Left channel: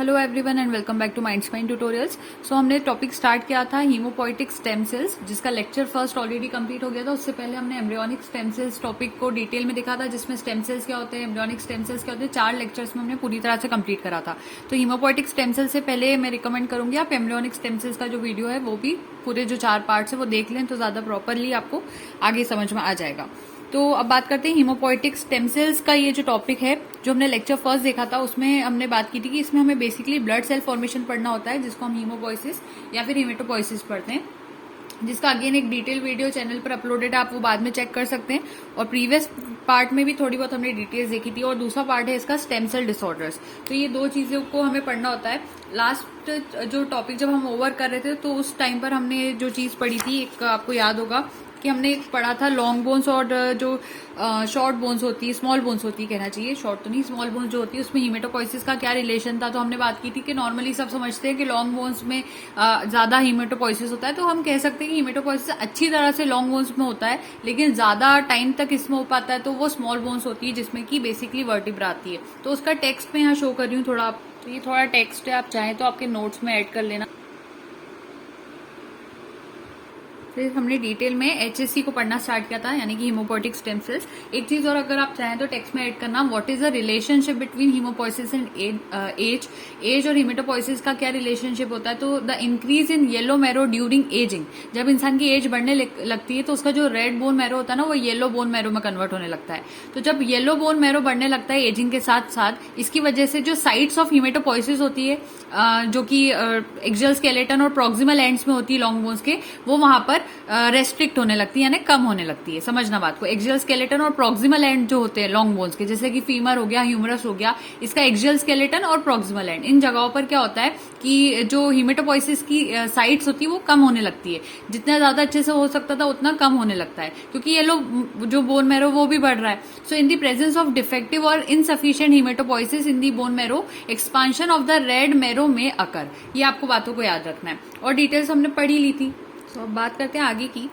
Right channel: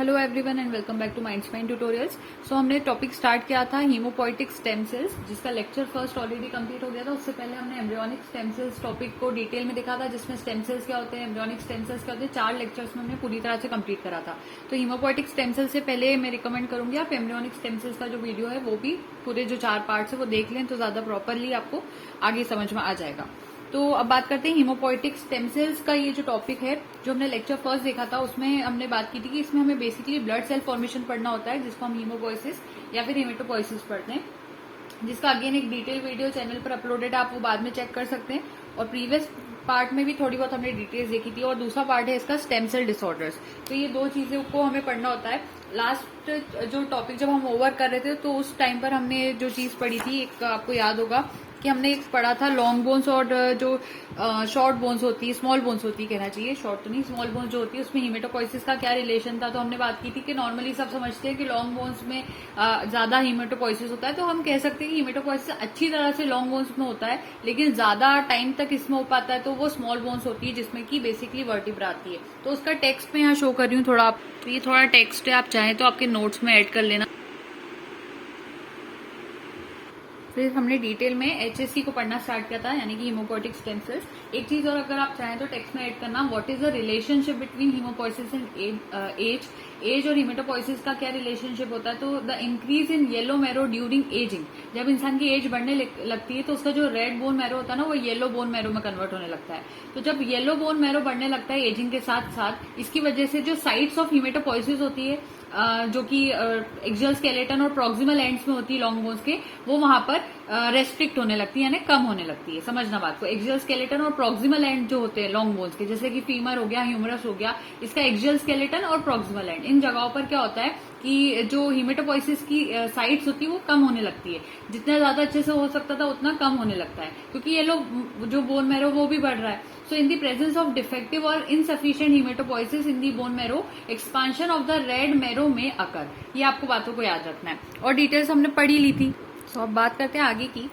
Hello everyone and welcome back to Mind Spine tutorials. So हमने topic start किया था haemopoietic stem cells, जिसका lecture first already complete हो गया था। उससे पहले हमने एम्ब्रियोनिक स्टेम सेल्स टॉपिक को डिटेल में देखा था, जिसमें स्टेम सेल्स क्या होते हैं, एम्ब्रियोनिक स्टेम सेल्स क्या होते हैं, 4 लेक्चर्स में हमने पूरी तरह से कंप्लीट करा था। तो हीमोपोइटिक स्टेम सेल्स से पहले मैं रिकमेंड करूंगी आप एम्ब्रियोनिक स्टेम सेल्स का जो वीडियो है वो भी पूरे जो 4 पार्ट्स है वो देख लें, तो ज्यादा प्रॉपरली आपको आगे समझ में आ जाएगा। तो अब बात करते हैं हीमोपोइटिक स्टेम सेल्स का। ये जो टॉपिक है जो हमने लेक्चर फर्स्ट देखा था उसमें हमने बात की थी कि इसमें हमें बेसिकली ब्लड सेल फॉर्मेशन पढ़ना होता है, जिसको हम हीमोपोइसिस या फिर हीमेटोपोइसिस पढ़ते हैं, जिसका अगेन एक डिटेल वीडियो चैनल पर अपलोडेड है, आप वो बाद में चेक कर सकते हैं। और प्रीवियस पार्ट में भी थोड़ी बहुत हमने डिटेल्स देखी थी। और दूसरा पार्ट है इसका स्टेम सेल डिसऑर्डर्स। तो ये 2 चीजों को हमें पढ़ना होता है। लास्ट जो टॉपिक जब हम ओवर कर रहे थे तो उस टाइम पर हमने जो चीज पढ़ी थी, एक आपको याद होगा कि हमने एक पढ़ा था लॉन्ग बोन्स और जो शॉर्ट बोन्स होती है, स्मॉल बोन्स होती है कहना चाहिए, शॉर्ट तो नहीं, स्मॉल बोन्स जो होती है उसमें हीमेटोपोइसिस का क्या रिलेशन था। तो हमने बात की थी कि नॉर्मली सब समझते हैं कि लॉन्ग बोन्स में ज्यादा हीमेटोपोइसिस होता है। तो हम कह सकते हैं कि हीमेटोपोइसिस अच्छी तरह से लॉन्ग बोन्स में होता है, लेकिन ज्यादा टाइम तक इसमें हो पाता है तो वो स्मॉल बोन्स होती है, जिसमें की बेसिकली वर्टिब्रा आती है। तो उसका टेक्स्ट में यहाँ शो कर रही हूँ थोड़ा। तो ये थोड़ा टेक्स्ट है, आप चाहें तो आपके नोट्स में ऐड कर लेना। फिर हमने डिटेल में एचएससी को पढ़ना स्टार्ट किया था, यानी कि हीमोपोइटिक स्टेम सेल्स। एक चीज और अगर आप चाहें तो टेक्स्ट में ऐड करना, what is the relationship between haemopoiesis and age और हीमेटोपोइसिस का क्या रिलेशनशिप होता है। तो the increase in yellow marrow during ageing, जब इंसान की एज बढ़ने लगती है तो उसका जो रेड बोन मैरो होता है ना वो येलो बोन मैरो में कन्वर्ट होने लगता है। तो जब येलो बोन मैरो बढ़ने लगता है एजिंग के साथ साथ, इसकी वजह से जो साइट्स ऑफ हीमेटोपोइसिस होती है जो कि एक्सियल स्केलेटन और प्रॉक्सिमल एंड्स में होती है लॉन्ग बोन्स के, वो वहां पर रेस्ट्रिक्ट होने लगती है, यानी कम होने लगती है। समझना बात को, एक्सियल स्केलेटन और प्रॉक्सिमल एंड जो होते हैं लॉन्ग बोन्स के, जैसे कि फीमर हो गया, ह्यूमरस हो गया, इसका एक्सियल स्केलेटन और प्रॉक्सिमल एंड, इन जगहों पर क्या होता है कि जो हीमेटोपोइसिस की साइट्स होती है वो कम होने लगती है। जितना ज्यादा अच्छे से हो सकता था उतना कम होने लगता है, क्योंकि ये लोग जो बोन मैरो वो भी बढ़ रहा है। So in the presence of defective और insufficient haematopoiesis in the bone marrow, expansion of the red marrow में अकर। ये आपको बातों को याद रखना है और डिटेल्स हमने पढ़ी ली थी। तो अब बात करते हैं आगे की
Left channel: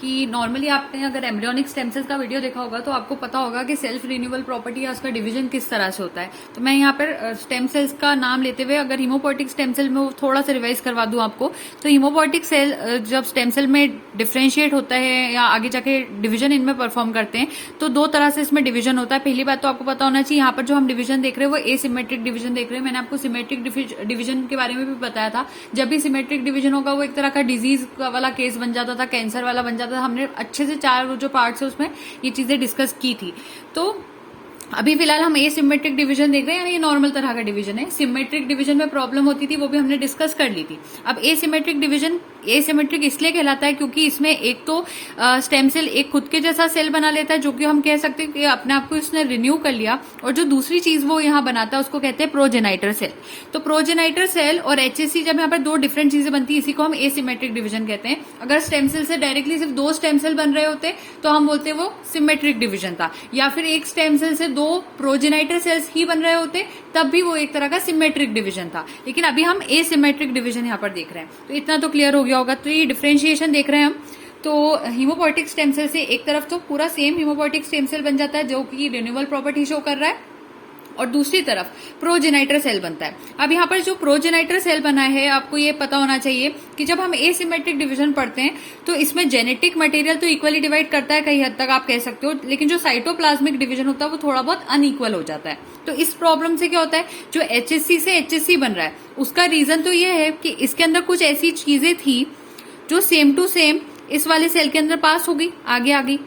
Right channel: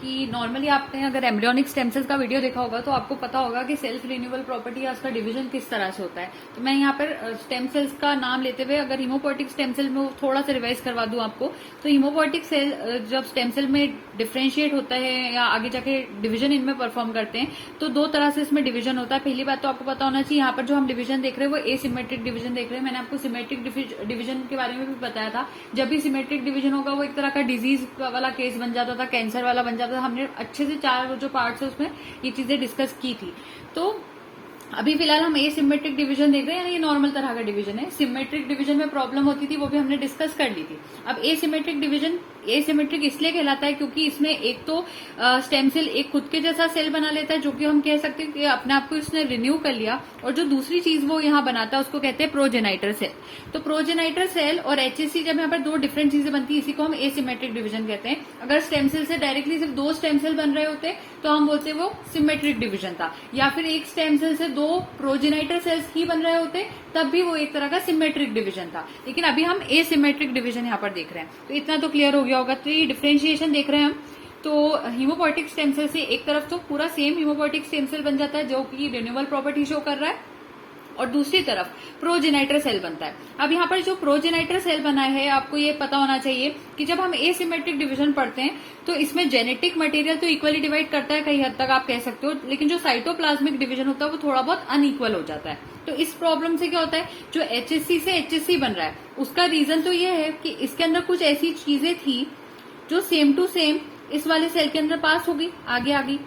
कि नॉर्मली आपने अगर एम्ब्रियोनिक स्टेम सेल्स का वीडियो देखा होगा तो आपको पता होगा कि सेल्फ रिन्यूअल प्रॉपर्टी या उसका डिवीजन किस तरह से होता है। तो मैं यहाँ पर स्टेम सेल्स का नाम लेते हुए अगर हीमोपोइटिक स्टेम सेल में थोड़ा सा रिवाइज करवा दूं आपको, तो हीमोपोइटिक सेल जब स्टेम सेल में डिफ्रेंशिएट होता है या आगे जाके डिवीजन इनमें परफॉर्म करते हैं, तो 2 तरह से इसमें डिवीजन होता है। पहली बात तो आपको पता होना चाहिए, यहाँ पर जो हम डिवीजन देख रहे हैं वो एसिमेट्रिक डिवीजन देख रहे हैं। मैंने आपको सिमेट्रिक डिवीजन के बारे में भी बताया था। जब भी सिमेट्रिक डिवीजन होगा वो एक तरह का डिजीज वाला केस बन जाता था, कैंसर वाला बन जाता था। हमने अच्छे से 4 जो पार्ट्स है उसमें ये चीजें डिस्कस की थी। तो अभी फिलहाल हम एसिमेट्रिक डिवीजन देख रहे हैं, यानी ये नॉर्मल तरह का डिवीजन है। सिमेट्रिक डिवीजन में प्रॉब्लम होती थी, वो भी हमने डिस्कस कर ली थी। अब एसिमेट्रिक डिवीजन एसिमेट्रिक इसलिए कहलाता है क्योंकि इसमें एक तो स्टेम सेल एक खुद के जैसा सेल बना लेता है, जो कि हम कह सकते हैं कि अपने आप को उसने रिन्यू कर लिया, और जो दूसरी चीज वो यहाँ बनाता है उसको कहते हैं प्रोजेनाइटर सेल। तो प्रोजेनाइटर सेल और एचएससी, जब यहाँ पर 2 डिफरेंट चीजें बनती है, इसी को हम एसिमेट्रिक डिवीजन कहते हैं। अगर स्टेम सेल से डायरेक्टली सिर्फ 2 स्टेम सेल बन रहे होते तो हम बोलते वो सिमेट्रिक डिवीजन था, या फिर एक स्टेम सेल से 2 प्रोजेनाइटर सेल्स ही बन रहे होते तब भी वो एक तरह का सिमेट्रिक डिवीजन था। लेकिन अभी हम एसिमेट्रिक डिवीजन यहाँ पर देख रहे हैं, तो इतना तो क्लियर हो गया होगा। तो ये डिफरेंशिएशन देख रहे हैं हम। तो हीमोपोइटिक स्टेम सेल से एक तरफ तो पूरा सेम हीमोपोइटिक स्टेम सेल बन जाता है जो कि रिन्यूअल प्रॉपर्टी शो कर रहा है, और दूसरी तरफ प्रोजेनाइटर सेल बनता है। अब यहाँ पर जो प्रोजेनाइटर सेल बना है, आपको ये पता होना चाहिए कि जब हम एसिमेट्रिक डिवीजन पढ़ते हैं तो इसमें जेनेटिक मटेरियल तो इक्वली डिवाइड करता है, कई हद तक आप कह सकते हो, लेकिन जो साइटोप्लाज्मिक डिवीजन होता है वो थोड़ा बहुत अनइक्वल हो जाता है। तो इस प्रॉब्लम से क्या होता है, जो एचएससी से एचएससी बन रहा है उसका रीजन तो ये है कि इसके अंदर कुछ ऐसी चीजें थी जो सेम टू सेम इस वाले सेल के अंदर पास हो गई, आगे आ गई।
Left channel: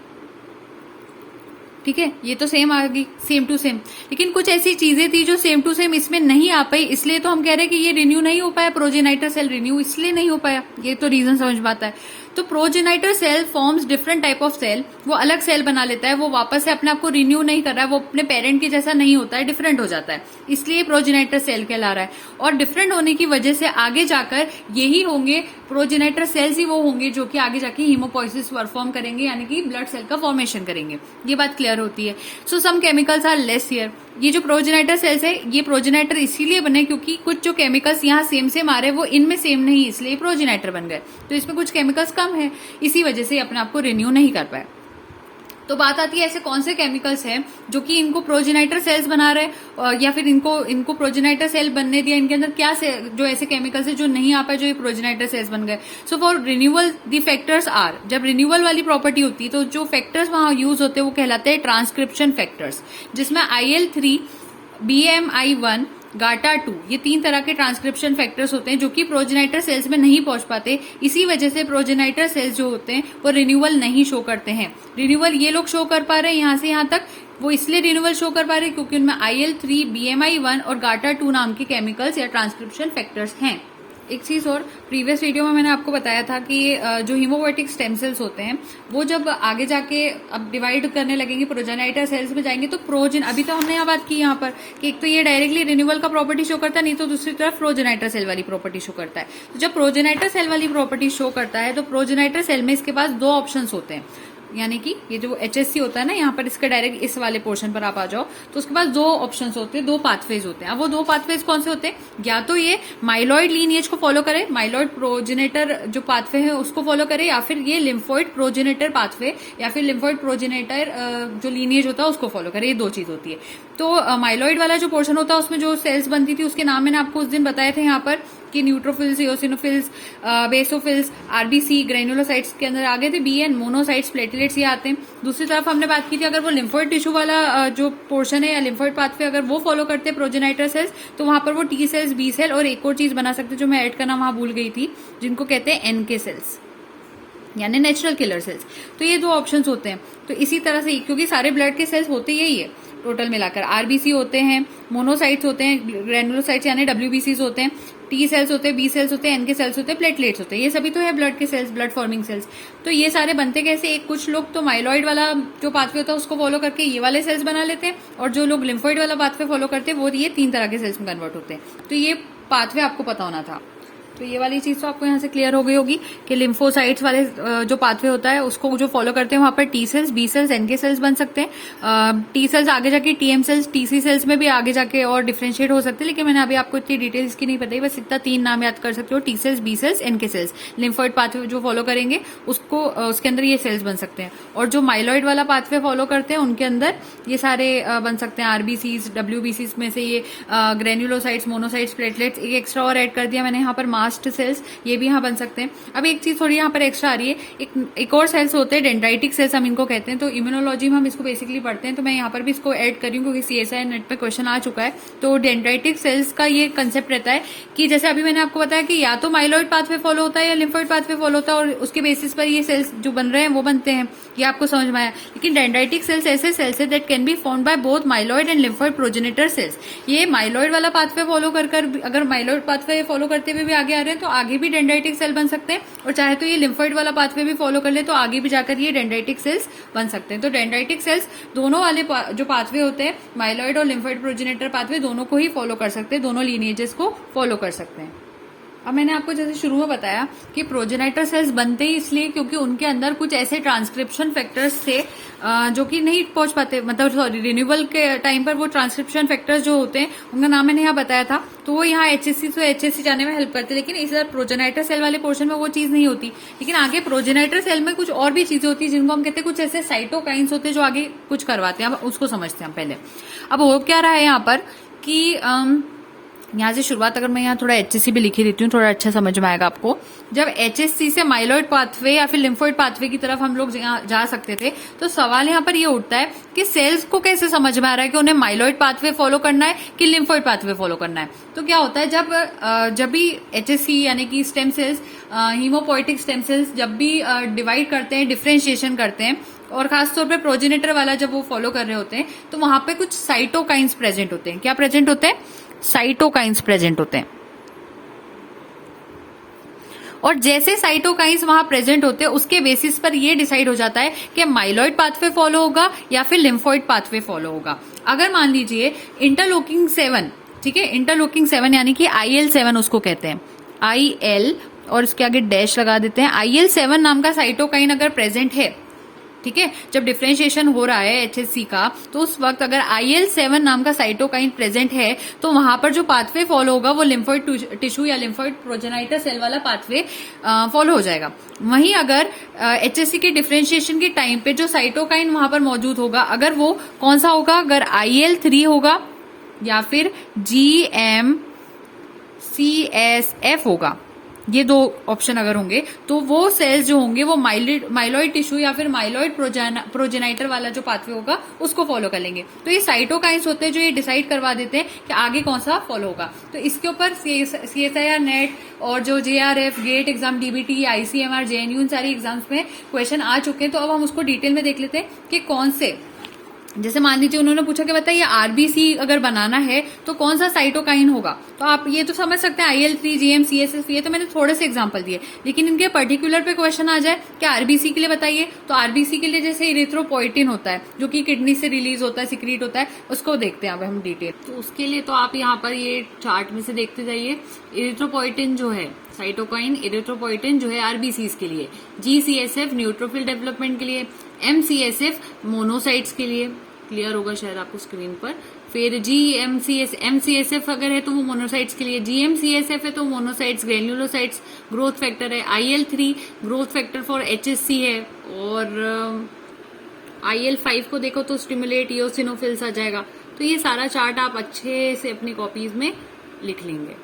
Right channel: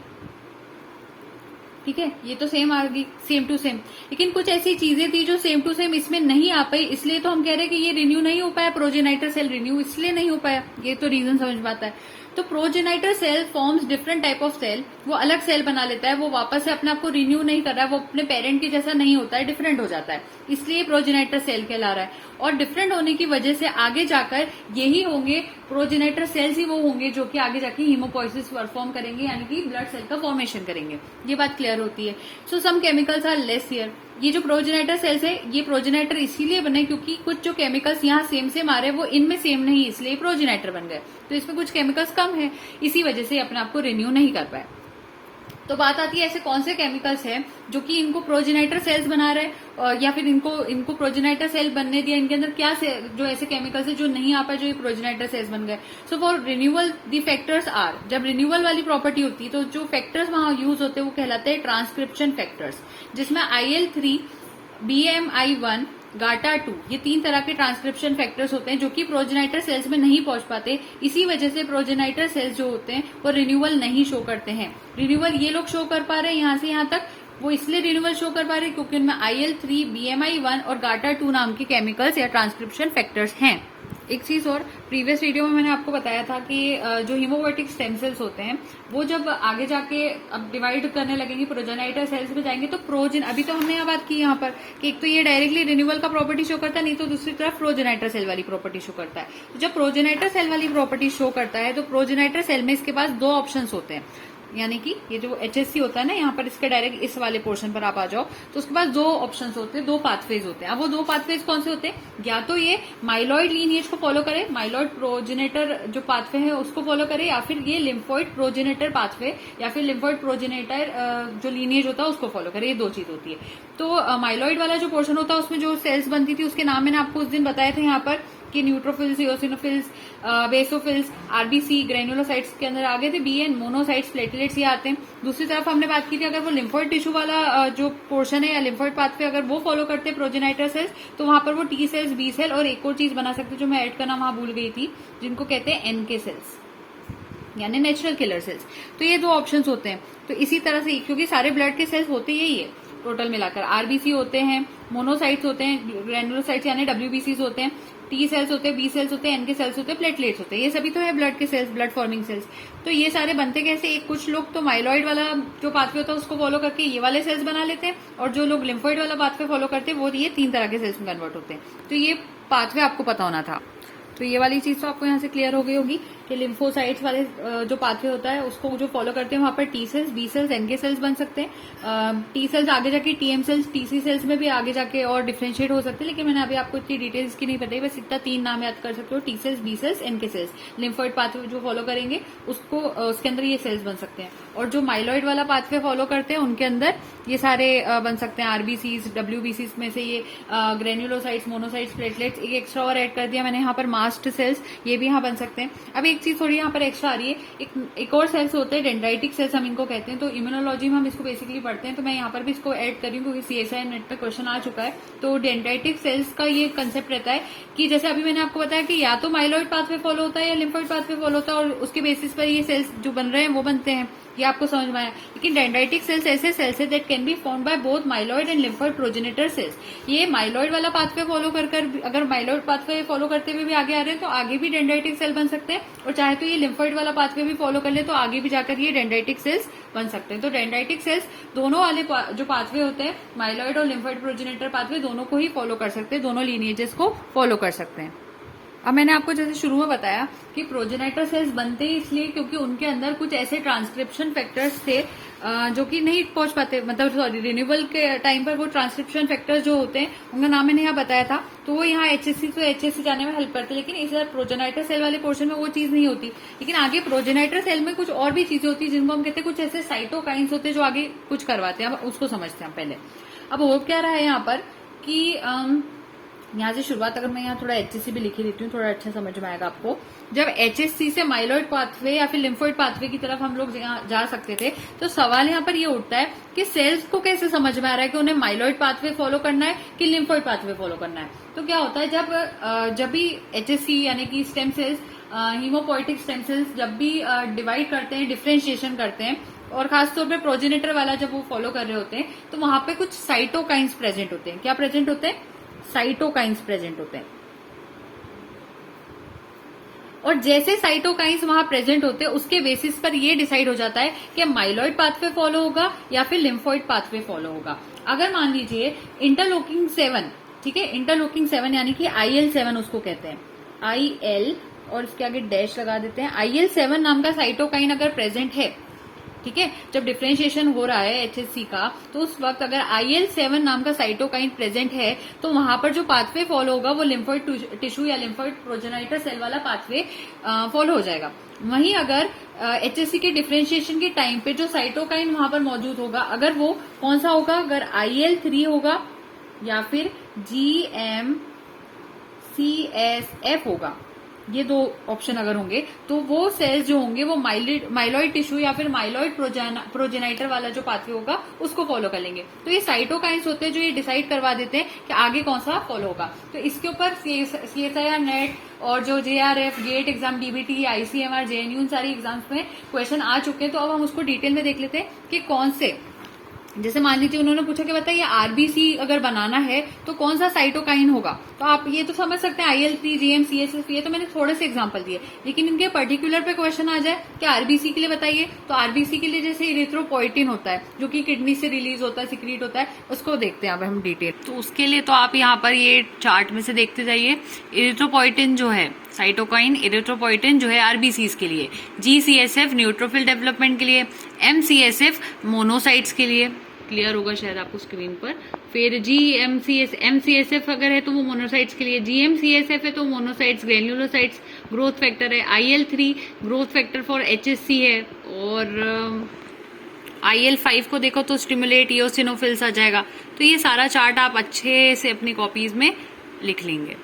ठीक है, ये तो सेम आ गई, सेम टू सेम, लेकिन कुछ ऐसी चीजें थी जो सेम टू सेम इसमें नहीं आ पाई, इसलिए तो हम कह रहे हैं कि ये रिन्यू नहीं हो पाया, प्रोजेनाइटर सेल रिन्यू इसलिए नहीं हो पाया। ये तो रीजन समझ में आता है। तो progenitor cell forms different type of cell, वो अलग सेल बना लेता है, वो वापस से अपने आप को रिन्यू नहीं कर रहा है, वो अपने पेरेंट के जैसा नहीं होता है, डिफरेंट हो जाता है, इसलिए प्रोजेनाइटर सेल कहला रहा है। और डिफरेंट होने की वजह से आगे जाकर यही होंगे प्रोजेनाइटर सेल्स ही वो होंगे जो कि आगे जाके हीमोपोइसिस परफॉर्म करेंगे, यानी कि ब्लड सेल का फॉर्मेशन करेंगे। ये बात क्लियर होती है। So some chemicals are less here. ये जो प्रोजेनाइटर सेल्स है ये प्रोजेनाइटर इसीलिए बने क्योंकि कुछ जो केमिकल्स यहाँ सेम आ रहे हैं वो इनमें सेम नहीं, इसलिए प्रोजेनाइटर बन गए। तो इसमें कुछ केमिकल्स कम है, इसी वजह से अपने आप को रिन्यू नहीं कर पाए। तो बात आती है ऐसे कौन से केमिकल्स हैं जो कि इनको प्रोजेनाइटर सेल्स बना रहे हैं, या फिर इनको प्रोजेनाइटर सेल बनने दिया, इनके अंदर क्या जो ऐसे केमिकल्स है जो नहीं आ पाए जो ये प्रोजेनाइटर सेल्स बन गए। So for renewal the factors are, जब रिन्यूअल वाली प्रॉपर्टी होती है तो जो फैक्टर्स वहां यूज होते हैं वो कहलाते हैं ट्रांसक्रिप्शन फैक्टर्स, जिसमें IL3, BMI1, GATA2 ये 3 तरह के ट्रांसक्रिप्शन फैक्टर्स होते हैं जो कि प्रोजेनाइटर सेल्स में नहीं पहुंच पाते। इसी वजह से प्रोजेनाइटर सेल्स जो होते हैं वो रिन्यूअल नहीं शो करते हैं। रिन्यूअल ये लोग शो कर पा रहे हैं यहां से यहां तक, वो इसलिए रिन्यूअल शो कर पा रहे हैं क्योंकि उनमें IL3, BMI1 और GATA2 नाम के केमिकल्स या ट्रांसक्रिप्शन फैक्टर्स हैं। एक चीज और, प्रीवियस वीडियो में मैंने आपको बताया था कि जो हीमोपोएटिक स्टेम सेल्स होते हैं वो जब आगे जाके अब डिवाइड करने लगेंगे प्रोजेनाइटर सेल्स में जाएंगे तो अभी तो हमने यहाँ बात की यहाँ पर कि एक तो ये डायरेक्टली रिन्यूअल का प्रॉपर्टी शो करता है, नहीं तो दूसरी तरफ प्रोजेनाइटर सेल वाली प्रॉपर्टी शो करता है। तो जब प्रोजेनाइटर सेल वाली प्रॉपर्टी शो करता है तो प्रोजेनाइटर सेल में इसके पास 2 ऑप्शन होते हैं, यानी कि ये जो HSC होता है ना, यहाँ पर इसका डायरेक्ट इस वाले पोर्शन पर आप आ जाओ तो उसके पास 2 ऑप्शंस होते हैं, 2 पाथवेज होते हैं। अब वो 2 पाथवेज कौन से होते हैं, या तो ये माइलॉइड लीनिएज को फॉलो करे, माइलॉइड प्रोजेनेटर जो पाथवे है उसको फॉलो करे, या फिर ये लिम्फोइड प्रोजेनेटर पाथवे या फिर लिम्फोइड प्रोजेनेटर जो लीनिएज होता है उसको फॉलो करे। ये 2 चीज होती है। तो माइलॉइड वाला जो पोर्शन होता है उसमें जो सेल्स बनती थी उसके नाम मैंने आपको उस दिन बताए थे यहाँ पर कि neutrophils, eosinophils, basophils, RBC, granulocytes के अंदर आगे थे BN, मोनोसाइट्स, प्लेटलेट्स ये आते हैं। दूसरी तरफ हमने बात की थी अगर वो लिम्फोइड टिश्यू वाला जो पोर्शन है या लिम्फोइड पाथवे अगर वो फॉलो करते हैं प्रोजेनाइटर सेल्स तो वहां पर वो T सेल्स, B सेल और एक और चीज बना सकते जो मैं ऐड करना वहां भूल गई थी, जिनको कहते हैं NK सेल्स यानी नेचुरल किलर सेल्स। तो ये 2 ऑप्शंस होते हैं। तो इसी तरह से क्योंकि सारे ब्लड के सेल्स होते यही है टोटल मिलाकर, RBC होते हैं, मोनोसाइट्स होते हैं, ग्रेनुलोसाइट्स यानी WBCs होते हैं, T सेल्स होते हैं, B सेल्स होते हैं, NK सेल्स होते हैं, प्लेटलेट्स होते हैं। ये सभी तो है ब्लड के सेल्स, ब्लड फॉर्मिंग सेल्स। तो ये सारे बनते कैसे, एक कुछ लोग तो माइलॉइड वाला जो पाथवे होता है उसको फॉलो करके ये वाले सेल्स बना लेते हैं, और जो लोग लिम्फोइड वाला पाथवे फॉलो करते हैं वो ये 3 तरह के सेल्स में कन्वर्ट होते हैं। तो ये पाथवे आपको पता होना था। तो ये वाली चीज तो आपको यहाँ से क्लियर हो गई होगी कि लिम्फोसाइट्स वाले जो पाथवे होता है उसको जो फॉलो करते हैं वहां पर T cells, B cells, NK cells बन सकते हैं। T सेल्स आगे जाके TM सेल्स, TC सेल्स में भी आगे जाके और डिफरेंशिएट हो सकते हैं, लेकिन मैंने अभी आपको इतनी डिटेल्स की नहीं बताई, बस इतना 3 नाम याद कर सकते हो, T cells, B cells, NK cells. Lymphoid pathway जो फॉलो करेंगे उसको उसके अंदर ये सेल्स बन सकते हैं, और जो माइलॉइड वाला पाथवे फॉलो करते हैं उनके अंदर ये सारे बन सकते हैं RBCs, WBCs में से ये ग्रेन्युलोसाइट्स, मोनोसाइट्स, प्लेटलेट्स, एक एक्स्ट्रा और ऐड कर दिया मैंने यहाँ पर मास्ट सेल्स, ये भी यहाँ बन सकते हैं। अब एक चीज थोड़ी यहाँ पर एक्स्ट्रा आ रही है, एक और सेल्स होते हैं डेंड्राइटिक सेल्स हम इनको कहते हैं। तो इम्यूनोलॉजी में हम इसको बेसिकली पढ़ते हैं, तो मैं यहाँ पर भी इसको ऐड करी हूँ क्योंकि CSI नेट पे क्वेश्चन आ चुका है। तो डेंड्राइटिक सेल्स का ये कंसेप्ट रहता है कि जैसे अभी मैंने आपको बताया कि या तो माइलॉइड पाथवे फॉलो होता है या लिम्फोइड पाथवे फॉलो होता है, और उसके बेसिस पर ये सेल्स जो बन रहे हैं वो बनते हैं, ये आपको समझ में आया। लेकिन डेंड्राइटिक सेल्स ऐसे सेल्स है that can be formed by both myeloid and lymphoid progenitor cells. ये माइलॉइड वाला पाथवे फॉलो कर अगर माइलॉइड पाथवे फॉलो करते हुए भी आगे आ रहे हैं तो आगे भी डेंड्राइटिक सेल बन सकते हैं, और चाहे तो ये लिम्फोइड वाला पाथवे भी फॉलो कर ले तो आगे भी जाकर ये डेंड्राइटिक सेल्स बन सकते हैं। तो डेंड्राइटिक सेल्स दोनों वाले जो पाथवे होते हैं, माइलॉइड और लिम्फोइड प्रोजेनेटर पाथवे, दोनों को ही फॉलो कर सकते हैं, दोनों लीनिएजेस को फॉलो कर सकते हैं। अब मैंने आपको जैसे शुरू में बताया कि प्रोजेनेटर सेल्स बनते ही इसलिए क्योंकि उनके अंदर कुछ ऐसे ट्रांसक्रिप्शन फैक्टर्स थे जो कि नहीं पहुंच पाते, मतलब सॉरी रिन्यूअल के टाइम पर वो ट्रांसक्रिप्शन फैक्टर्स जो होते हैं उनका नाम मैंने यहाँ बताया था, तो वो यहाँ HSC जाने में हेल्प करते हैं। लेकिन इस प्रोजेनेटर सेल वाले पोर्शन में वो चीज नहीं होती। लेकिन आगे प्रोजेनेटर सेल में कुछ और भी चीजें होती है जिनको हम कहते हैं कुछ ऐसे साइटोकाइंस होते हैं जो आगे कुछ करवाते हैं। अब उसको समझते हैं पहले। अब हो क्या रहा है यहाँ पर कि यहाँ से शुरुआत अगर मैं यहाँ थोड़ा HSC भी लिखी देती हूँ, थोड़ा अच्छा समझ में आएगा आपको। जब HSC से माइलॉइड पाथवे या फिर लिम्फोइड पाथवे की तरफ हम लोग जा सकते थे, तो सवाल यहाँ पर ये उठता है कि सेल्स को कैसे समझ में आ रहा है कि उन्हें माइलॉइड पाथवे फॉलो करना है कि लिम्फोइड पाथवे फॉलो करना है। तो क्या होता है जब भी HSC यानी कि stem cells, haemopoietic stem cells जब भी डिवाइड करते हैं, डिफरेंशिएशन करते हैं, और खासतौर पे प्रोजेनेटर वाला जब वो फॉलो कर रहे होते हैं तो वहां पे कुछ साइटोकाइंस प्रेजेंट होते हैं। क्या प्रेजेंट होते हैं? साइटोकाइंस प्रेजेंट होते हैं। और जैसे साइटोकाइंस वहां प्रेजेंट होते हैं उसके बेसिस पर यह डिसाइड हो जाता है कि माइलॉइड पाथवे फॉलो होगा या फिर लिम्फोइड पाथवे फॉलो होगा। अगर मान लीजिए इंटरलोकिंग 7, ठीक है, इंटरलोकिंग 7 यानी कि IL7 उसको कहते हैं, IL और उसके आगे डैश लगा देते हैं। IL7 नाम का साइटोकाइन अगर प्रेजेंट है ठीक है। जब डिफरेंशिएशन हो रहा है HSC का, तो उस वक्त अगर IL-7 नाम का साइटोकाइन प्रेजेंट है तो वहां पर जो पाथवे फॉलो होगा वो लिम्फोइड टिश्यू या लिम्फोइड प्रोजेनाइटर सेल वाला पाथवे फॉलो हो जाएगा। वहीं अगर HSC के डिफरेंशिएशन के टाइम पे जो साइटोकाइन वहां पर मौजूद होगा, अगर वो कौन सा होगा, अगर IL-3 होगा या फिर GM-CSF होगा, ये दो ऑप्शन अगर होंगे, तो वो सेल्स जो होंगे वो माइलॉइड टिश्यू या फिर माइलॉइड प्रोजेनाइटर वाला जो पाथवे होगा उसको फॉलो कर लेंगे। तो ये साइटोकाइंस होते हैं जो ये डिसाइड करवा देते हैं कि आगे कौन सा फॉलो होगा। तो इसके ऊपर CSIR नेट और जो JRF GATE exam, DBT, ICMR, JNU, इन सारी एग्जाम्स में क्वेश्चन आ चुके हैं। तो अब हम उसको डिटेल में देख लेते हैं कि कौन से, जैसे मान लीजिए उन्होंने पूछा कि बताइए RBC अगर बनाना है तो कौन सा साइटोकाइन होगा, तो आप ये तो समझ सकते हैं IL-3, GM, CSF, ये तो मैंने थोड़े से एग्जांपल दिए। लेकिन इनके पर्टिकुलर पे क्वेश्चन आ जाए कि RBC के लिए बताइए, तो RBC के लिए जैसे इरिथ्रोपोइटिन होता है जो कि किडनी से रिलीज होता है, सिक्रीट होता है, उसको देखते हैं अब हम डिटेल। तो उसके लिए तो आप यहाँ पर ये चार्ट में से देखते जाइए। इरिथ्रोपोइटिन जो है, साइटोकाइन इरिथ्रोपोइटिन जो है RBCs के लिए, GCSF न्यूट्रोफिल डेवलपमेंट के लिए, MCSF मोनोसाइट्स के लिए, क्लियर होगा शायद आपको स्क्रीन पर। फिर MCSF अगर है तो वो मोनोसाइट्स के लिए, GM-CSF है तो मोनोसाइट्स ग्रेन्युलोसाइट्स ग्रोथ फैक्टर है, IL-3 growth factor for HSC है, और IL-5 को देखो तो स्टिमुलेट इओसिनोफिल्स आ जाएगा। तो ये सारा चार्ट आप अच्छे से अपनी कॉपीज में लिख लेंगे,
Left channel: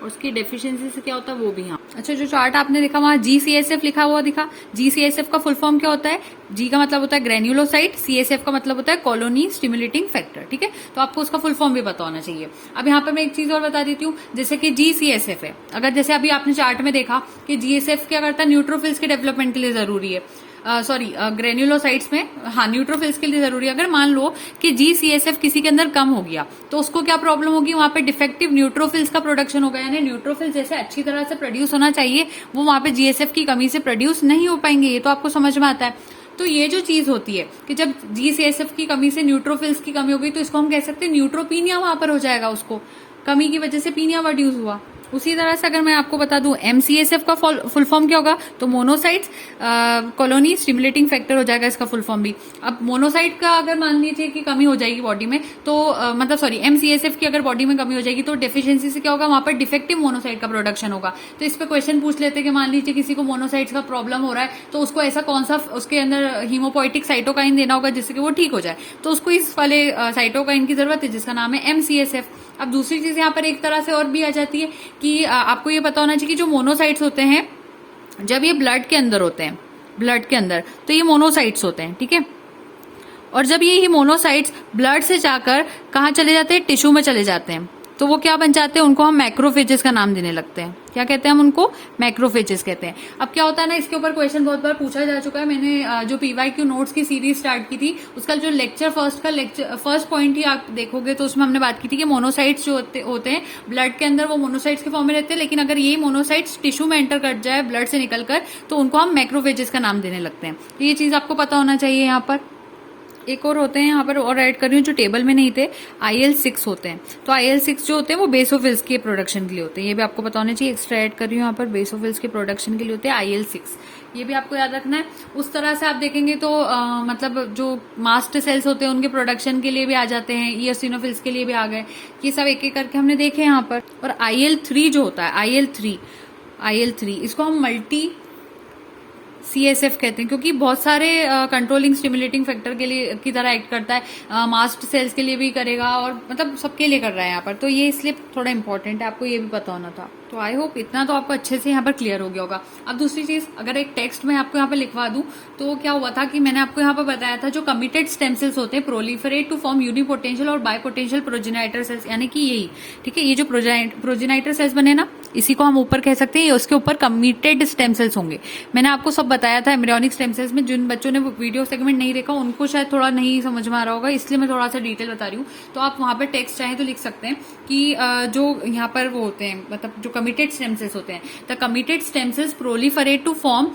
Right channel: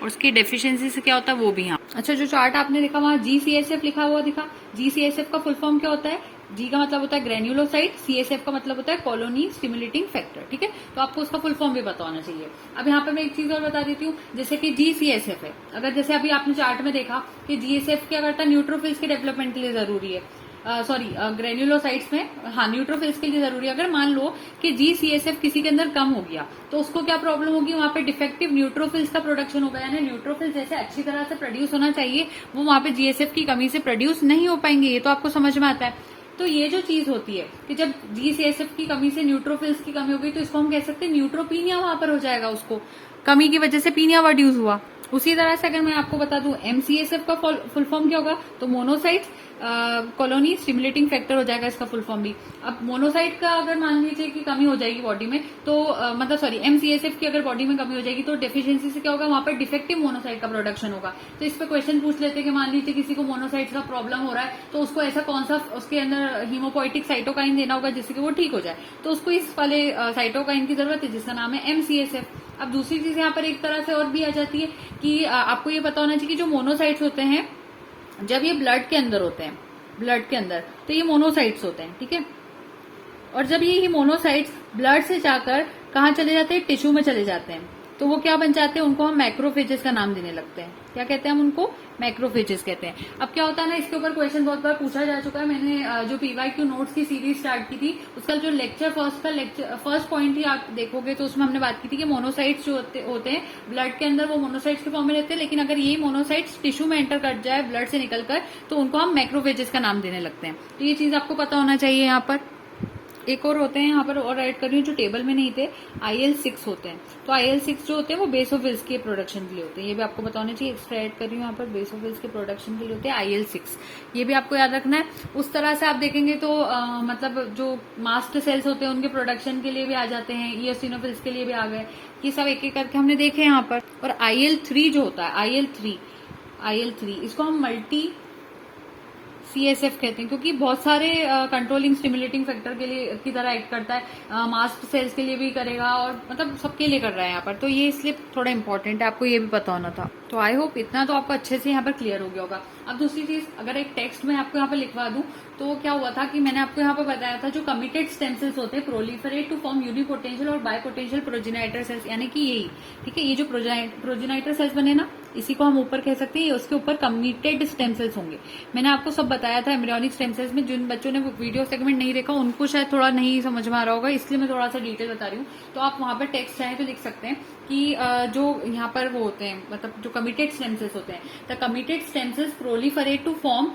और उसकी डेफिशिएंसी से क्या होता है वो भी यहाँ। अच्छा, जो चार्ट आपने देखा वहां GCSF लिखा हुआ दिखा, GCSF का फुल फॉर्म क्या होता है? G का मतलब होता है ग्रेन्युलोसाइट, CSF का मतलब होता है कॉलोनी स्टिमुलेटिंग फैक्टर, ठीक है। तो आपको उसका फुल फॉर्म भी पता होना चाहिए। अब यहाँ पे मैं एक चीज और बता देती हूँ, जैसे कि GCSF है, अगर जैसे अभी आपने चार्ट में देखा कि GSF क्या करता है, न्यूट्रोफिल्स के डेवलपमेंट के लिए जरूरी है, ग्रेन्युलोसाइट्स में, हाँ, न्यूट्रोफिल्स के लिए जरूरी है। अगर मान लो कि GCSF किसी के अंदर कम हो गया तो उसको क्या प्रॉब्लम होगी, वहां पे डिफेक्टिव न्यूट्रोफिल्स का प्रोडक्शन होगा, यानी न्यूट्रोफिल्स जैसे अच्छी तरह से प्रोड्यूस होना चाहिए वो वहां पे GSF की कमी से प्रोड्यूस नहीं हो पाएंगे। ये तो आपको समझ में आता है। तो ये जो चीज होती है कि जब GCSF की कमी से न्यूट्रोफिल्स की कमी हो गई तो इसको हम कह सकते हैं न्यूट्रोपीनिया वहां पर हो जाएगा, उसको कमी की वजह से पीनिया वर्ड यूज हुआ। उसी तरह से अगर मैं आपको बता दूं MCSF का फुल फॉर्म क्या होगा, तो मोनोसाइट्स कॉलोनी स्टिमुलेटिंग फैक्टर हो जाएगा इसका फुल फॉर्म भी। अब मोनोसाइट का अगर मान लीजिए कि कमी हो जाएगी बॉडी में, तो MCSF की अगर बॉडी में कमी हो जाएगी तो डेफिशिएंसी से क्या होगा, वहां पर डिफेक्टिव मोनोसाइट का प्रोडक्शन होगा। तो इस पे क्वेश्चन पूछ लेते हैं कि मान लीजिए किसी को मोनोसाइट्स का प्रॉब्लम हो रहा है तो उसको ऐसा कौन सा उसके अंदर हीमोपोइटिक साइटोकाइन देना होगा जिससे कि वो ठीक हो जाए, तो उसको इस वाले साइटोकाइन की जरूरत है जिसका नाम है MCSF। अब दूसरी चीज यहाँ पर एक तरह से और भी आ जाती है कि आपको ये पता होना चाहिए कि जो मोनोसाइट्स होते हैं जब ये ब्लड के अंदर होते हैं, ब्लड के अंदर, तो ये मोनोसाइट्स होते हैं, ठीक है। और जब ये मोनोसाइट्स ब्लड से जाकर कहाँ चले जाते हैं, टिश्यू में चले जाते हैं, तो वो क्या बन जाते हैं, उनको हम मैक्रोफेजेस का नाम देने लगते हैं। क्या कहते हैं हम उनको, मैक्रोफेजेस कहते हैं। अब क्या होता है ना, इसके ऊपर क्वेश्चन बहुत बार पूछा जा चुका है। मैंने जो PYQ नोट्स की सीरीज स्टार्ट की थी उसका जो फर्स्ट पॉइंट ही आप देखोगे तो उसमें हमने बात की थी कि मोनोसाइट्स जो होते हैं ब्लड के अंदर वो मोनोसाइट्स के फॉर्म में रहते हैं, लेकिन अगर ये मोनोसाइट्स टिश्यू में एंटर कर जाए ब्लड से निकलकर तो उनको हम मैक्रोफेजेस का नाम देने लगते हैं। तो ये चीज आपको पता होना चाहिए। यहाँ पर एक और होते हैं, यहाँ पर और ऐड कर रही हूँ जो टेबल में नहीं थे, IL-6 होते हैं। तो IL-6 जो होते हैं वो बेसोफिल्स के प्रोडक्शन के लिए होते हैं, ये भी आपको पता होना चाहिए। एक्स्ट्रा ऐड कर रही हूँ यहाँ पर, बेसोफिल्स के प्रोडक्शन के लिए होते हैं IL-6, ये भी आपको याद रखना है। उस तरह से आप देखेंगे तो मतलब जो मास्ट सेल्स होते हैं उनके प्रोडक्शन के लिए भी आ जाते हैं, इओसिनोफिल्स के लिए भी आ गए। ये सब एक एक करके हमने देखे यहाँ पर। और IL-3 जो होता है, IL-3 इसको हम मल्टी CSF कहते हैं, क्योंकि बहुत सारे कंट्रोलिंग स्टिमुलेटिंग फैक्टर के लिए की तरह एक्ट करता है, मास्ट सेल्स के लिए भी करेगा और मतलब सबके लिए कर रहा है यहाँ पर। तो ये इसलिए थोड़ा इंपॉर्टेंट है, आपको ये भी पता होना था। तो आई होप इतना तो आपको अच्छे से यहाँ पर क्लियर हो गया होगा। अब दूसरी चीज, अगर एक टेक्स्ट में आपको यहाँ पर लिखवा दूं तो क्या हुआ था कि मैंने आपको यहाँ पर बताया था जो कमिटेड स्टेम सेल्स होते हैं प्रोलिफरेट टू फॉर्म यूनिपोटेंशियल और बायपोटेंशियल प्रोजेनाइटर सेल्स, यानी कि यही, ठीक है, ये जो प्रोजेनाइटर सेल्स बने ना, इसी को हम ऊपर कह सकते हैं, उसके ऊपर कमिटेड स्टेम सेल्स होंगे। मैंने आपको सब बताया था एम्ब्रियोनिक स्टेम सेल्स में। जिन बच्चों ने वीडियो सेगमेंट नहीं देखा उनको शायद थोड़ा नहीं समझ में आ रहा होगा, इसलिए मैं थोड़ा सा डिटेल बता रही हूँ। तो आप वहां पर टेक्स्ट चाहे तो लिख सकते हैं कि जो यहाँ पर वो होते हैं, मतलब जो कमिटेड स्टेम सेल्स होते हैं, the committed stem cells proliferate to form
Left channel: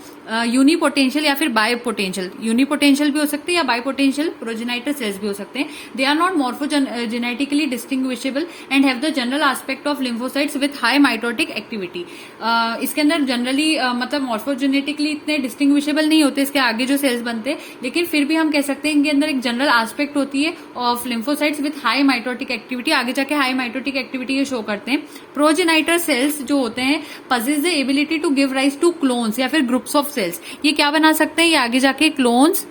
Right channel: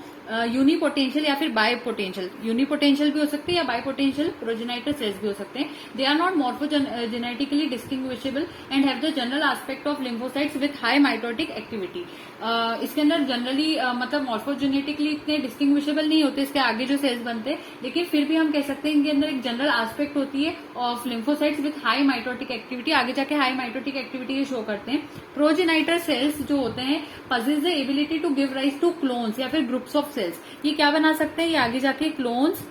unipotential या फिर बायपोटेंशियल, यूनिपोटेंशियल भी हो सकते हैं या बायपोटेंशियल प्रोजेनाइटर सेल्स भी हो सकते हैं। They are not morphogenetically distinguishable and have the general aspect of lymphocytes with high mitotic high mitotic activity. इसके अंदर जनरली मतलब मॉर्फोजेनेटिकली इतने डिस्टिंग्विशेबल नहीं होते इसके आगे जो सेल्स बनते हैं, लेकिन फिर भी हम कह सकते हैं इनके अंदर एक जनरल एस्पेक्ट होती है of lymphocytes with high mitotic activity. आगे जाके हाई माइटोटिक एक्टिविटी ये शो करते हैं। प्रोजेनाइटर सेल्स जो होते हैं possess the ability to give rise to clones या फिर ग्रुप्स ऑफ सेल्स। ये क्या बना सकते हैं, ये आगे जाके क्लोन्स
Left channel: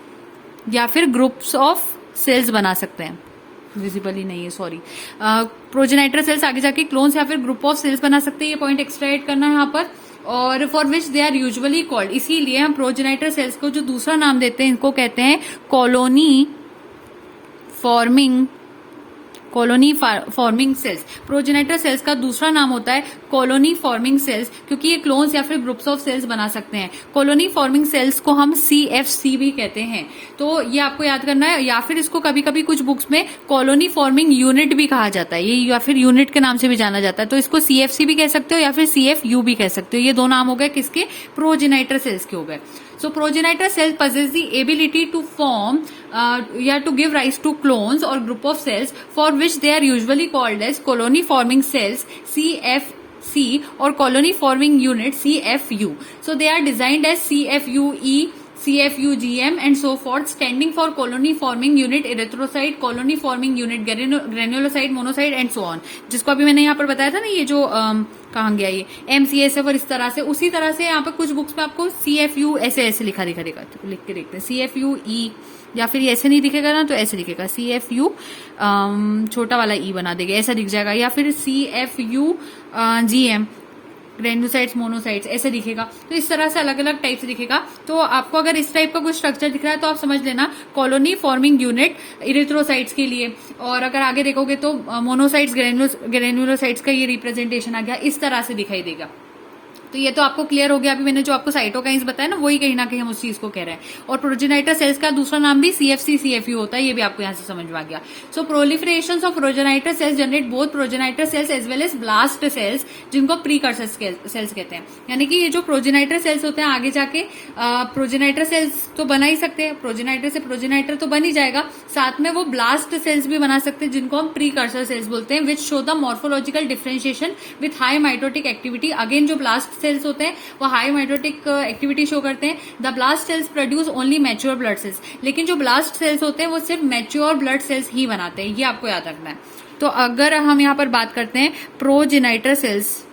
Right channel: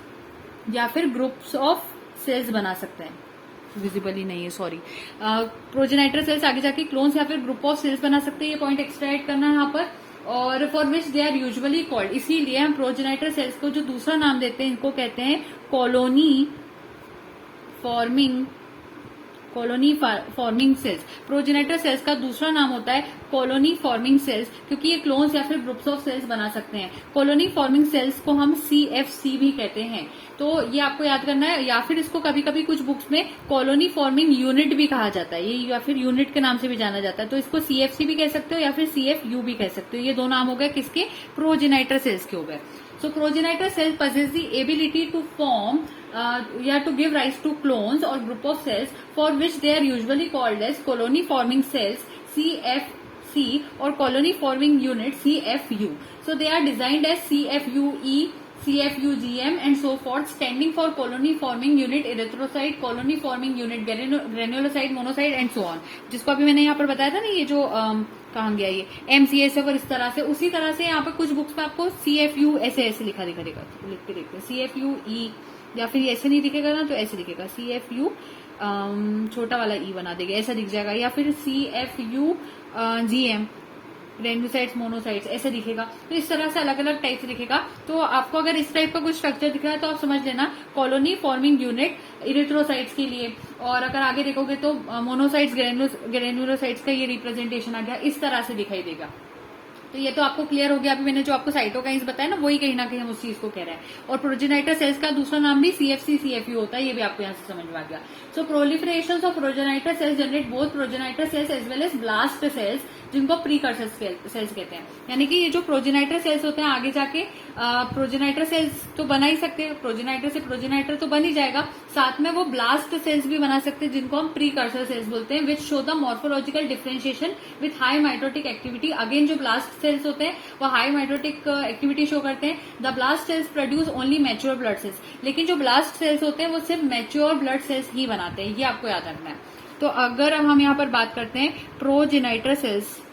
या फिर ग्रुप्स ऑफ सेल्स बना सकते हैं। विजिबली नहीं है, सॉरी। प्रोजेनाइटर सेल्स आगे जाके क्लोन्स या फिर ग्रुप ऑफ सेल्स बना सकते हैं, ये पॉइंट एक्स्ट्रा ऐड करना है यहाँ पर। और for which they are usually called, इसीलिए हम प्रोजेनाइटर सेल्स को जो दूसरा नाम देते हैं इनको कहते हैं colony forming cells. Progenitor cells का दूसरा नाम होता है कॉलोनी फॉर्मिंग सेल्स, क्योंकि ये क्लोन्स या फिर ग्रुप्स ऑफ सेल्स बना सकते हैं। कॉलोनी फॉर्मिंग सेल्स को हम CFC भी कहते हैं, तो ये आपको याद करना है। या फिर इसको कभी कभी कुछ बुक्स में कॉलोनी फॉर्मिंग यूनिट भी कहा जाता है, ये या फिर यूनिट के नाम से भी जाना जाता है। तो इसको CFC भी कह सकते हो या फिर CFU भी कह सकते हो। ये दो नाम हो गए किसके, प्रोजेनाइटर सेल्स के हो गए। So progenitor cells possess the ability to form to give rise to clones or group of cells, for which they are usually called as colony forming cells CFC or colony forming unit CFU. So they are designed as CFUE, CFUGM and so forth, standing for colony forming unit erythrocyte, colony forming unit granulocyte, monocyte and so on, जिसको अभी मैंने यहाँ पर बताया था ना, ये जो कहाँ गया ये MCSF और इस तरह से, उसी तरह से यहाँ पर कुछ बुक्स में आपको CFU ऐसे लिखा दिखेगा, तो लिख के देखते हैं CFUE, या फिर ऐसे नहीं दिखेगा ना तो ऐसे दिखेगा CFU, छोटा वाला E बना देगा, ऐसा दिख जाएगा, या फिर CFUGM ग्रेन्यूसाइट्स मोनोसाइट्स ऐसे दिखेगा। तो इस तरह से अलग अलग टाइप से दिखेगा। तो आपको अगर इस टाइप का कुछ स्ट्रक्चर दिख रहा है तो आप समझ लेना कॉलोनी फॉर्मिंग यूनिट इरिथ्रोसाइट्स के लिए। और अगर आगे देखोगे तो मोनोसाइट्स ग्रेन्यूलोसाइट्स का ये रिप्रेजेंटेशन आ गया, इस तरह से दिखाई देगा। तो ये तो आपको क्लियर हो गया। अभी मैंने जो आपको साइटोकाइंस बताया ना, वही कहीं ना कहीं हम उस चीज को कह रहे हैं। और प्रोजेनाइटर सेल्स का दूसरा नाम भी CFC CFU होता है, ये भी आपको यहाँ से समझ में आ गया। So proliferation of progenitor cells generate both progenitor cells as well as blast cells, जिनको प्रीकर्सर सेल्स कहते हैं। यानी कि ये जो प्रोजेनाइटर सेल्स होते हैं आगे जाके प्रोजेनाइटर सेल्स तो बना ही सकते हैं, प्रोजेनाइटर से प्रोजेनाइटर तो बन ही जाएगा, साथ में वो ब्लास्ट सेल्स भी बना सकते हैं, जिनको हम प्रीकर्सर सेल्स बोलते हैं, which show the morphological differentiation with high mitotic activity. Again जो ब्लास्ट सेल्स होते हैं वो हाई माइटोटिक एक्टिविटी शो करते हैं। The blast cells produce only mature blood sales, लेकिन जो ब्लास्ट सेल्स होते हैं वो सिर्फ मैच्योर ब्लड सेल्स ही बनाते हैं, ये आपको याद रखना है। तो अगर हम यहाँ पर बात करते हैं प्रोजेनाइटर सेल्स,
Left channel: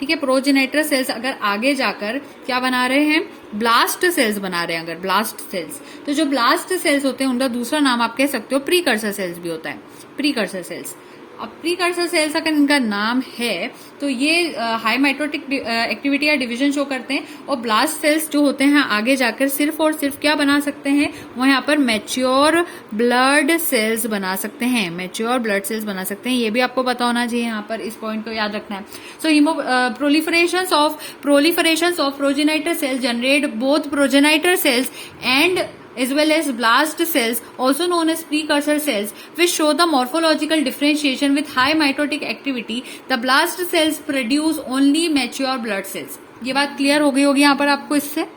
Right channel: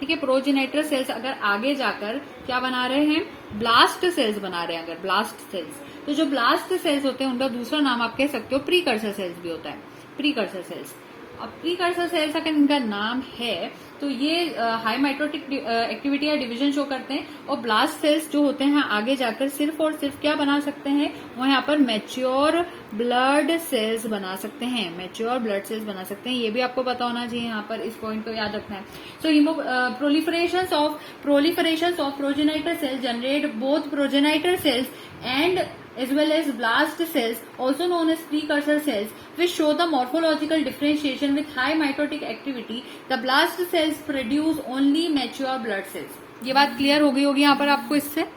ठीक है, प्रोजेनाइटर सेल्स अगर आगे जाकर क्या बना रहे हैं, ब्लास्ट सेल्स बना रहे हैं। अगर ब्लास्ट सेल्स, तो जो ब्लास्ट सेल्स होते हैं उनका दूसरा नाम आप कह सकते हो प्रीकर्सर सेल्स भी होता है, प्रीकर्सर सेल्स। अब प्रीकर्सर सेल्स अगर इनका नाम है तो ये हाई माइटोटिक एक्टिविटी या डिवीजन शो करते हैं। और ब्लास्ट सेल्स जो होते हैं आगे जाकर सिर्फ और सिर्फ क्या बना सकते हैं, वो यहाँ पर मैच्योर ब्लड सेल्स बना सकते हैं, मैच्योर ब्लड सेल्स बना सकते हैं। ये भी आपको पता होना चाहिए, यहाँ पर इस पॉइंट को याद रखना है। So proliferation of progenitor cells generate both progenitor cells and as well as blast cells, also known as precursor cells, which show the morphological differentiation with high mitotic activity. The blast cells produce only mature blood cells. ये बात clear हो गई होगी यहाँ पर आपको। इससे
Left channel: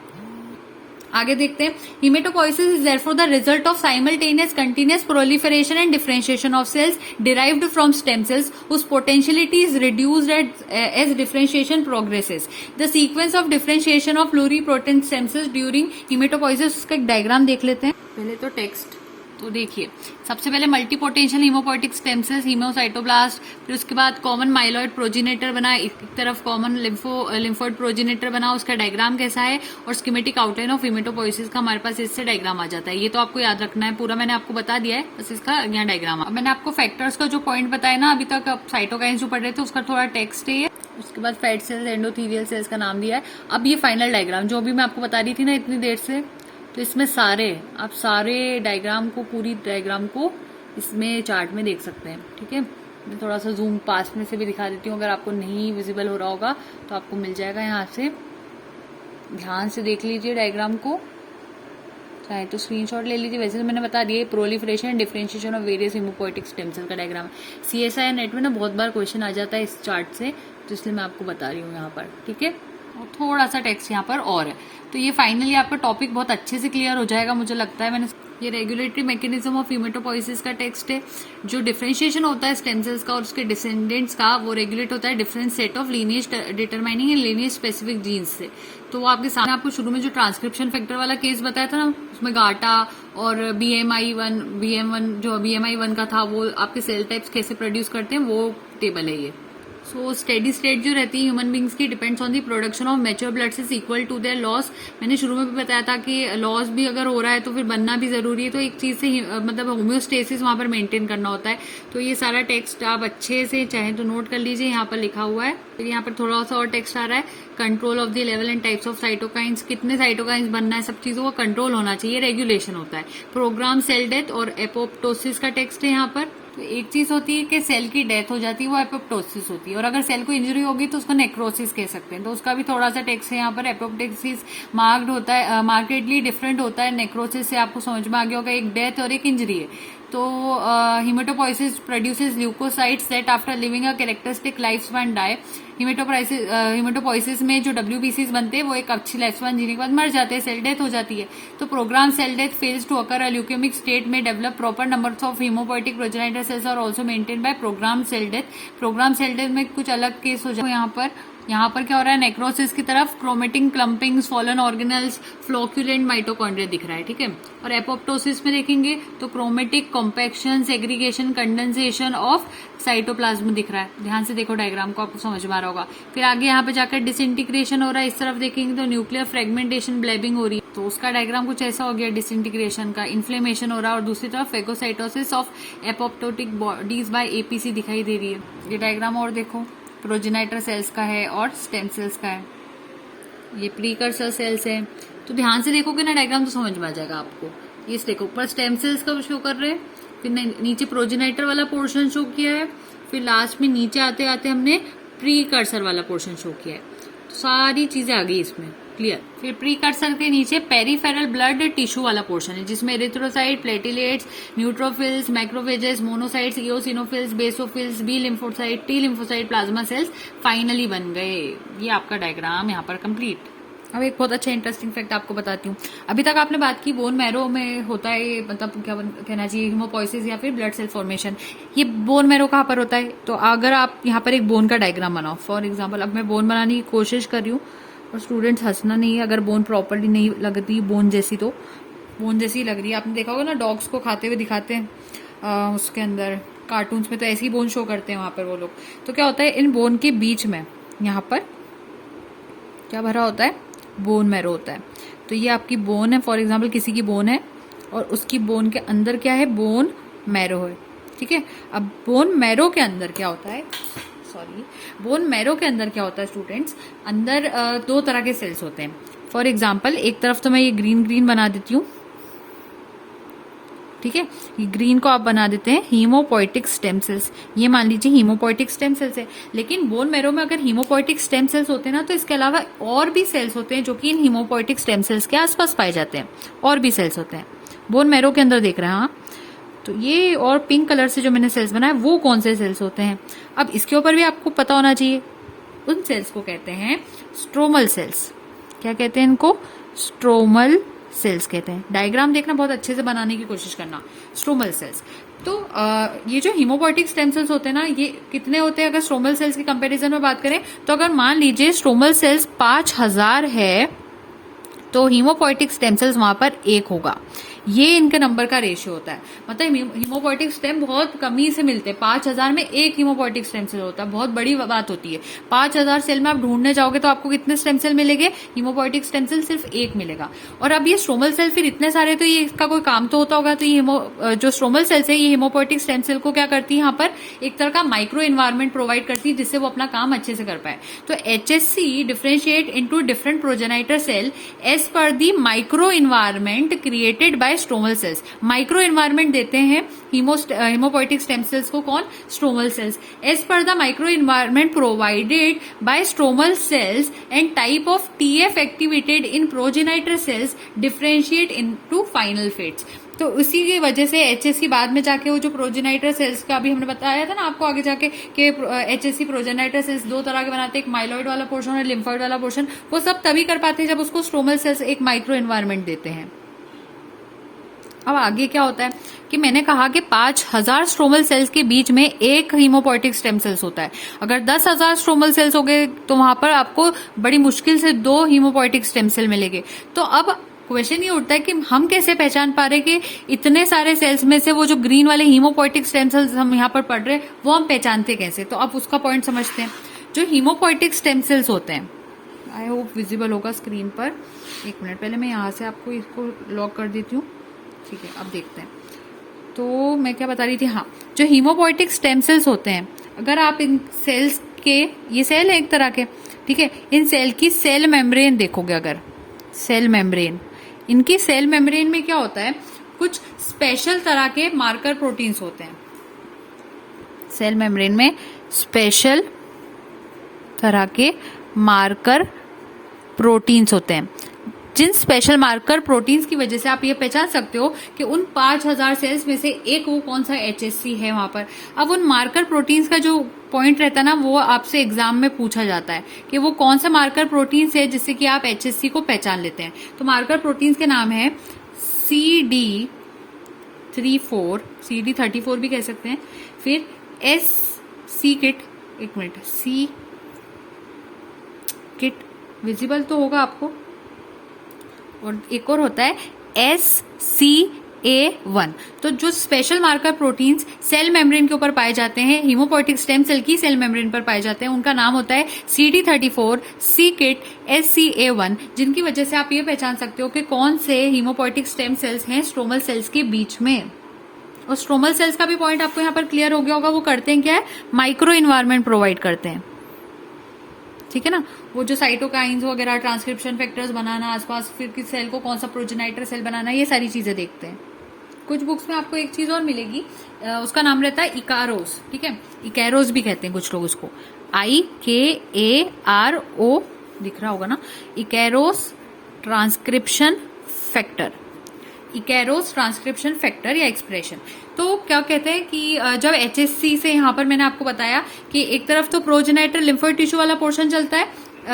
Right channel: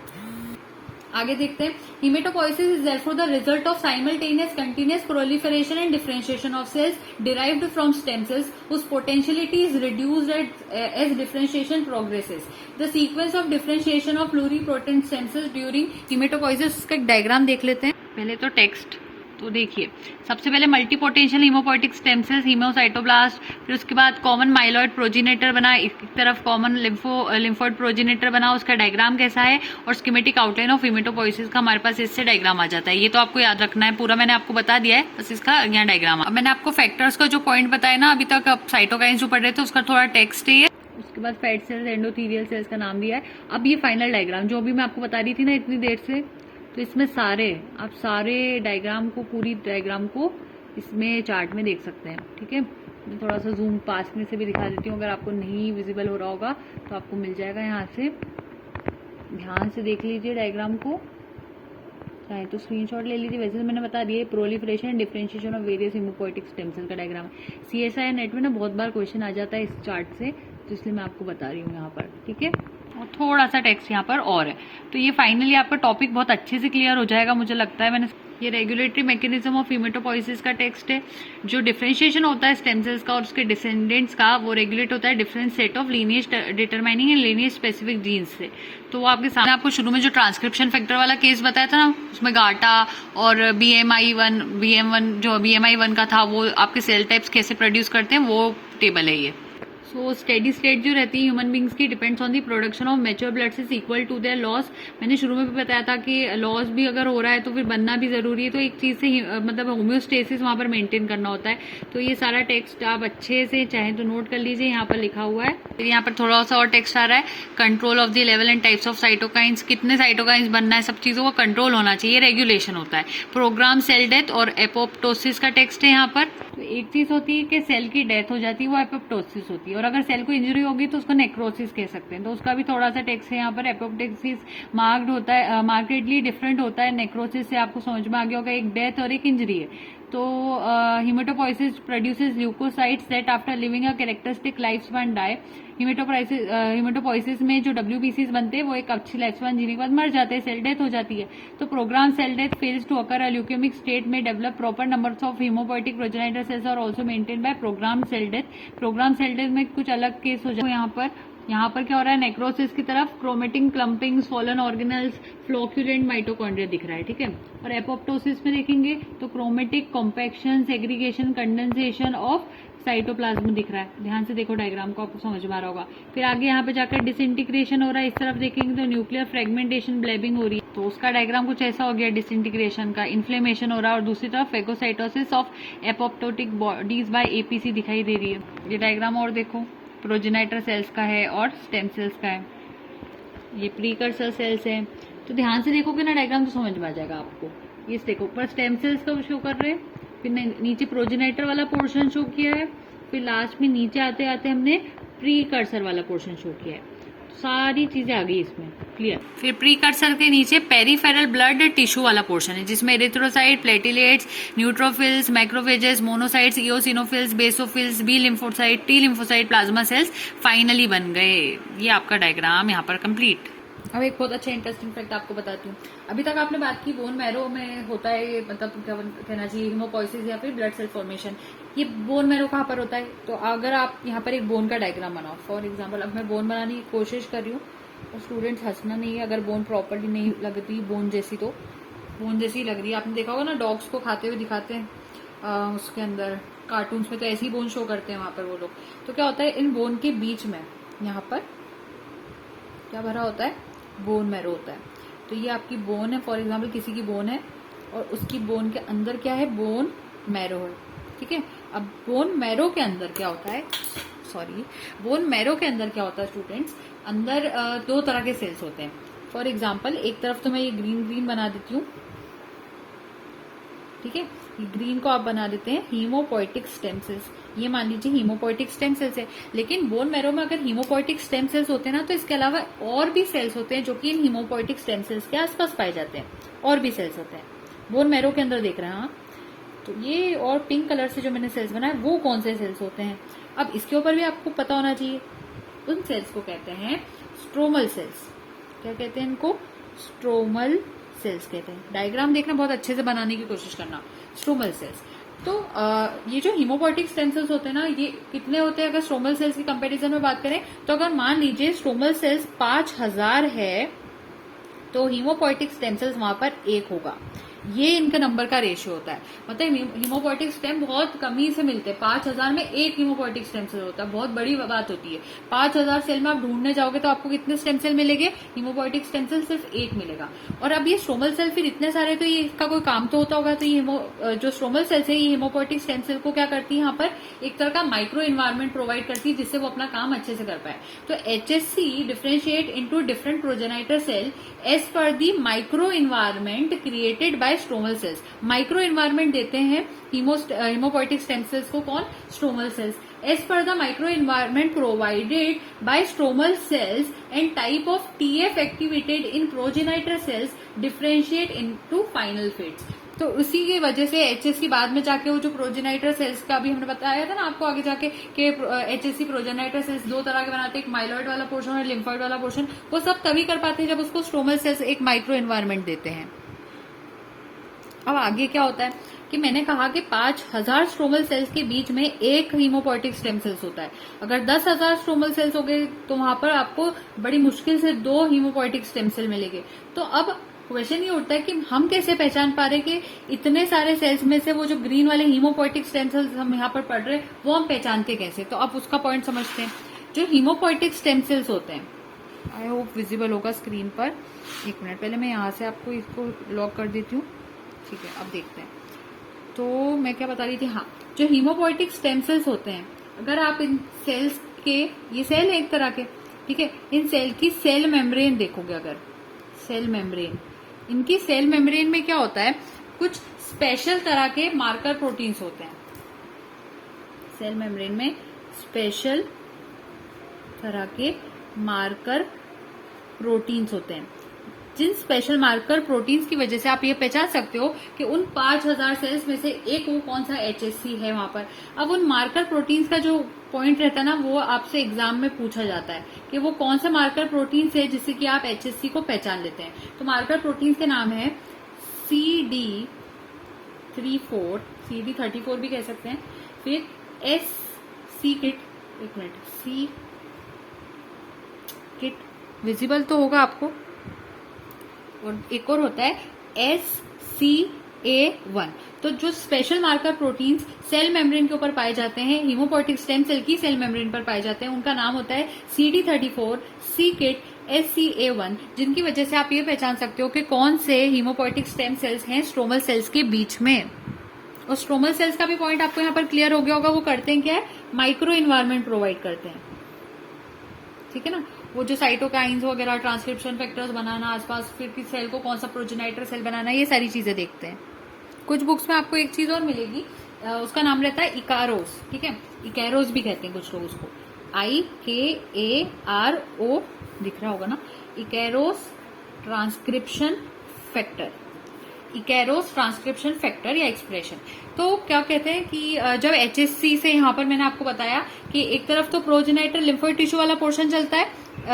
आगे देखते हैं, haematopoiesis is therefore the result of simultaneous continuous proliferation and differentiation of cells derived from stem cells whose potentiality is reduced as differentiation progresses. The sequence of differentiation of pluripotent stem cells during hematopoiesis, इसका एक diagram देख लेते हैं। पहले तो text तो देखिए, सबसे पहले मल्टीपोटेंशियल हीमोपोइटिक स्टेम सेल्स, हीमोसाइटोब्लास्ट, फिर उसके बाद कॉमन माइलॉइड प्रोजेनेटर बना, एक तरफ कॉमन लिम्फोइड प्रोजेनेटर बना, उसका डायग्राम कैसा है, और स्कीमेटिक आउटलाइन ऑफ हीमेटोपोइसिस का हमारे पास इससे डायग्राम आ जाता है। ये तो आपको याद रखना है, पूरा मैंने आपको बता दिया है, बस इसका यहाँ डायग्राम। अब मैंने आपको फैक्टर्स का जो पॉइंट बताया ना अभी तक, अब साइटोकाइंस जो पढ़ रहे थे उसका थोड़ा टेक्स्ट है, उसके बाद फैट सेल्स, एंडोथीलियल सेल्स का नाम दिया है। अब ये फाइनल डायग्राम जो अभी मैं आपको बता रही थी ना इतनी देर से, तो इसमें आप सारे डायग्राम को, पूरी डायग्राम को इसमें चार्ट में देख सकते हैं, ठीक है। मैं थोड़ा सा जूम पास में से भी दिखा देती हूँ, अगर आपको नहीं विजिबल हो रहा होगा तो आपको मिल जाएगा यहाँ से। ध्यान से देख लीजिए डायग्राम को, चाहे तो स्क्रीनशॉट ले लीजिए। वैसे तो मैंने बता दिया proliferation and differentiation of various haemopoietic stem cell का डायग्राम है। CSI नेट में ना बहुत बार क्वेश्चन आ जाता है इस चार्ट से, तो इसलिए मैं आपको बता रही हूँ यहाँ पर, ठीक है। और थोड़ा सा टेक्स्ट यहाँ पर और है, तो ये फाइनली आपका टॉपिक बहुत अच्छे से क्लियर हो जाएगा मुझे लगता है। मैंने ये रेगुलेटरी मैकेनिज्म ऑफ हीमेटोपोइसिस का टेक्स्ट है। जो डिफरेंशिएशन होता है स्टेम सेल्स का और उसके डिसेंडेंट्स का, वो रेगुलेट होता है different set of lineage determining and lineage specific jeans से। तो वो आपके सामने, आपको शुरू में जो ट्रांसक्रिप्शन फैक्टर वाला केस बताया था ना, उसमें गाटा और BMI1 जो BMI1 का था, वो आपके सेल टाइप्स कैसे प्रोड्यूस करते हैं, वो टेबल है ये। सो स्टेडी स्टेट जो रहती है ह्यूमन बींग्स की depends on the production of mature blood cells equal to their loss. मैंने शुरू में भी बताया था कि लॉस भी अगर हो रहा है तो फिर बनना भी जरूरी है, तो एक चीज से मतलब होम्योस्टेसिस वहां पर मेंटेन करना होता है। तो ये सारा टेक्स्ट आप अच्छे से चाहे तो नोट कर लीजिए, यहाँ पर लिखा हुआ है। फिर यहाँ पर थोड़ा सा और टेक्स्ट आ रहा है, control of the level and types of cytokines, कितने साइटोकाइंस बनना है, सब चीजों का कंट्रोल होना चाहिए, रेगुलेशन होता है। प्रोग्राम सेल डेथ और एपोप्टोसिस का टेक्स्ट है यहाँ पर। तो एक चीज होती है कि सेल की डेथ हो जाती है, वो एपोप्टोसिस होती है, और अगर सेल को इंजरी होगी तो उसको नेक्रोसिस कह सकते हैं। तो उसका भी थोड़ा सा टेक्स्ट है यहाँ पर। एपोप्टोसिस मार्क्ड होता है, मार्केटली डिफरेंट होता है नेक्रोसिस से, आपको समझ में आ गया होगा, एक डेथ और एक इंजरी है। तो haematopoiesis produces leukocytes that after living a characteristic life span die. Haematopoiesis में जो WBCs बनते हैं वो एक अच्छी लाइफ स्पैन जीने के बाद मर जाते हैं, सेल डेथ हो जाती है। तो program cell death fails to occur, a leukemic state में develop proper numbers of hemopoietic progenitor cells are also maintain by program cell death. Program cell death में कुछ अलग केस हो जाए। यहाँ पर क्या हो रहा है, नेक्रोसिस की तरफ chromatin clumpings, fallen organelles, flocculent mitochondria दिख रहा है, ठीक है। और एपोप्टोसिस में देखेंगे तो chromatic compaction, segregation, condensation of cytoplasm दिख रहा है। ध्यान से देखो डायग्राम को, आपको समझ में आ रहा होगा। फिर आगे यहाँ पे जाकर डिसइंटीग्रेशन हो रहा है, इस तरफ देखेंगे तो न्यूक्लियर फ्रेगमेंटेशन, ब्लेबिंग हो रही है। तो उसका डायग्राम कुछ ऐसा हो गया, डिसइंटीग्रेशन का, इन्फ्लेमेशन हो रहा है, और दूसरी तरफ phagocytosis of apoptotic bodies by APC दिखाई दे रही है। ये डायग्राम और देखो, प्रोजेनाइटर सेल्स का है और स्टेम सेल्स का है, ये प्रीकर्सर सेल्स है। तो ध्यान से देखोगे ना डायग्राम तो समझ में आ जाएगा आपको। ये देखो, ऊपर स्टेम सेल्स का शो कर रहे हैं, फिर नीचे प्रोजेनाइटर वाला पोर्शन शो किया है, फिर लास्ट में नीचे आते आते हमने प्रीकर्सर वाला पोर्शन शो किया है। तो सारी चीजें आ गई इसमें, क्लियर। फिर प्रीकर्सर के नीचे पेरिफेरल ब्लड टिश्यू वाला पोर्शन है, जिसमें erythrocyte, platelets, neutrophils, macrophages, monocytes, eosinophils, basophils, B lymphocyte, T lymphocyte, plasma cells finally बन गए। ये आपका डायग्राम यहाँ पर कंप्लीट। अब एक बहुत अच्छा इंटरेस्टिंग फैक्ट आपको बताती हूँ। अभी तक आपने बात की बोन मैरो में होता है ये, मतलब क्या कहना चाहिए, हीमोपोइसिस या फिर ब्लड सेल फॉर्मेशन। ये बोन मैरो कहाँ पर होता है? तो अगर आप यहाँ पर एक बोन का डायग्राम बनाओ, फॉर एग्जाम्पल अब मैं बोन बनाने की कोशिश कर रही हूँ, और स्टूडेंट्स हंसना नहीं है अगर बोन प्रॉपरली नहीं लगती बोन जैसी, तो बोन जैसी लग रही है। आपने देखा होगा ना, डॉग्स को खाते हुए दिखाते हैं उसके अंदर, कार्टून्स में तो ऐसी बोन शो करते हैं वहां पर वो लोग। तो क्या होता है, इन बोन के बीच में यहाँ पर क्या भरा होता है, बोन मैरो होता है। तो ये आपकी बोन है, फॉर एग्जाम्पल किसी की बोन है, और उसकी बोन के अंदर क्या है, बोन मैरो है, ठीक है। अब बोन मैरो के अंदर क्या होता है, बोन मैरो के अंदर क्या होता है स्टूडेंट्स, अंदर दो तरह के सेल्स होते हैं। फॉर एग्जाम्पल एक तरफ तो मैं ये ग्रीन बना देती हूँ, ठीक है, ये ग्रीन को आप बना देते हैं हीमोपोइटिक स्टेम सेल्स। ये मान लीजिए हीमोपोइटिक स्टेम सेल्स है। लेकिन बोन मैरो में अगर हीमोपोइटिक स्टेम सेल्स होते हैं ना, तो इसके अलावा और भी सेल्स होते हैं जो कि इन हीमोपोइटिक स्टेम सेल्स के आसपास पाए जाते हैं। और भी सेल्स होते हैं बोन मैरो के अंदर, देख रहे हैं हाँ। तो ये और पिंक कलर से जो मैंने सेल्स बनाया वो कौन से सेल्स होते हैं, अब इसके ऊपर भी आपको पता होना चाहिए। उन सेल्स को कहते हैं स्ट्रोमल सेल्स। क्या कहते हैं इनको? स्ट्रोमल सेल्स कहते हैं। डायग्राम देखना, बहुत अच्छे से बनाने की कोशिश करना। स्ट्रोमल सेल्स, तो ये जो हीमोपोइटिक स्टेम सेल्स होते हैं ना, ये कितने होते हैं अगर स्ट्रोमल सेल्स की कंपैरिजन में बात करें तो? अगर मान लीजिए स्ट्रोमल सेल्स 5000 है तो हीमोपोइटिक स्टेम सेल्स वहां पर 1 होगा। ये इनके नंबर का रेशियो होता है। मतलब हीमोपोइटिक स्टेम बहुत कमी से मिलते हैं, 5000 में 1 हीमोपोइटिक स्टेम सेल होता है, बहुत बड़ी बात होती है। 5000 सेल में आप ढूंढने जाओगे तो आपको कितने स्टेम सेल मिलेंगे? हीमोपोइटिक स्टेम सेल सिर्फ 1 मिलेगा। और अब ये स्ट्रोमल सेल फिर इतने सारे, तो ये इसका कोई काम तो होता होगा। तो ये जो स्ट्रोमल सेल्स है, ये हीमोपोइटिक स्टेम सेल को क्या करती है, यहाँ पर एक तरह का माइक्रो एनवायरमेंट प्रोवाइड करती है, जिससे वो अपना काम अच्छे से कर पाए। तो HSC differentiate into different progenitor cell as per the micro environment created by stromal cells. Micro environment देते हैं हीमोपोइटिक स्टेम सेल्स को, कौन? Stromal cells. As per the micro environment provided by stromal cells and type of TF activated in progenitor cells differentiate into final fates. तो इसी की वजह से HSC बाद में जाके वो जो प्रोजेनाइटर सेल्स का भी हमने बताया था ना आपको आगे जाके कि HSC प्रोजेनाइटर सेल्स 2 तरह के बनाते हैं, एक माइलॉइड वाला पोर्शन और लिम्फॉइड वाला पोर्शन। वो सब तभी कर पाते हैं जब उसको स्ट्रोमल सेल्स एक माइक्रो एनवायरमेंट देते हैं। अब आगे क्या होता है कि मैंने कहा कि 5000 स्ट्रोमल सेल्स के बीच में एक हीमोपोइटिक स्टेम सेल्स होता है। अगर 10,000 स्ट्रोमल सेल्स हो गए तो वहां पर आपको बड़ी मुश्किल से 2 हीमोपोइटिक स्टेम सेल मिलेंगे। तो अब क्वेश्चन ये उठता है कि हम कैसे पहचान पा रहे कि इतने सारे सेल्स में से वो जो ग्रीन वाले हीमोपोइटिक स्टेम सेल्स हम यहाँ पर पढ़ रहे हैं वो हम पहचानते कैसे। तो अब उसका पॉइंट समझते हैं। जो हीमोपोइटिक स्टेम सेल्स होते हैं, आई होप विजिबल होगा स्क्रीन पर। एक मिनट, पहले मैं यहाँ से आपको इसको लॉक कर देती हूँ। ठीक है, अब देखते हैं। तो मैं क्या बता रही थी, हाँ, जो हीमोपोइटिक स्टेम सेल्स होते हैं, अगर आप इन सेल्स के, ये सेल है एक तरह के, ठीक है, इन सेल की सेल मेम्ब्रेन देखोगे, अगर सेल मेम्ब्रेन, इनकी सेल मेम्ब्रेन में क्या होता है, कुछ स्पेशल तरह के मार्कर प्रोटीन्स होते हैं। सेल मेम्ब्रेन में स्पेशल तरह के मार्कर प्रोटीन्स होते हैं, जिन स्पेशल मार्कर प्रोटीन्स की वजह से आप ये पहचान सकते हो कि उन 5000 सेल्स में से एक वो कौन सा HSC है वहां पर। अब उन मार्कर प्रोटीन्स का जो पॉइंट रहता है ना, वो आपसे एग्जाम में पूछा जाता है कि वो कौन सा मार्कर प्रोटीन्स है जिससे कि आप HSC को पहचान लेते हैं। तो मार्कर प्रोटीन्स के नाम है CD34, CD34 भी कह सकते हैं, फिर SC किट, एक मिनट, C किट विजिबल तो होगा आपको, और एक और होता है SCA1। तो जो special marker proteins cell membrane के ऊपर पाए जाते हैं, हीमोपोइटिक स्टेम सेल की सेल मेम्ब्रेन पर पाए जाते हैं, उनका नाम होता है CD34, C किट, SCA1, जिनकी वजह से आप ये पहचान सकते हो कि कौन से हीमोपोइटिक स्टेम सेल्स हैं स्ट्रोमल सेल्स के बीच में। और स्ट्रोमल सेल्स का भी पॉइंट आपको यहाँ पर क्लियर हो गया होगा। वो करते हैं क्या है, माइक्रो इन्वायरमेंट प्रोवाइड करते हैं, ठीक है ना। वो जो साइटोकाइंस वगैरह, ट्रांसक्रिप्शन फैक्टर्स बनाना आसपास, फिर किस सेल को कौन सा प्रोजेनाइटर सेल बनाना, ये सारी चीजें देखते हैं। कुछ बुक्स में आपको एक चीज और मिलेगी, उसका नाम रहता है इकारोस, ठीक है, इकैरोस भी कहते हैं कुछ लोग उसको, IKARO दिख रहा होगा ना, इकैरोस ट्रांसक्रिप्शन फैक्टर, इकैरोस ट्रांसक्रिप्शन फैक्टर या एक्सप्रेशन। तो क्या कहते हैं कि जब HSC से यहाँ पर मैंने आपको बताया कि एक तरफ तो प्रोजेनाइटर लिम्फोइड टिश्यू वाला पोर्शन चलता है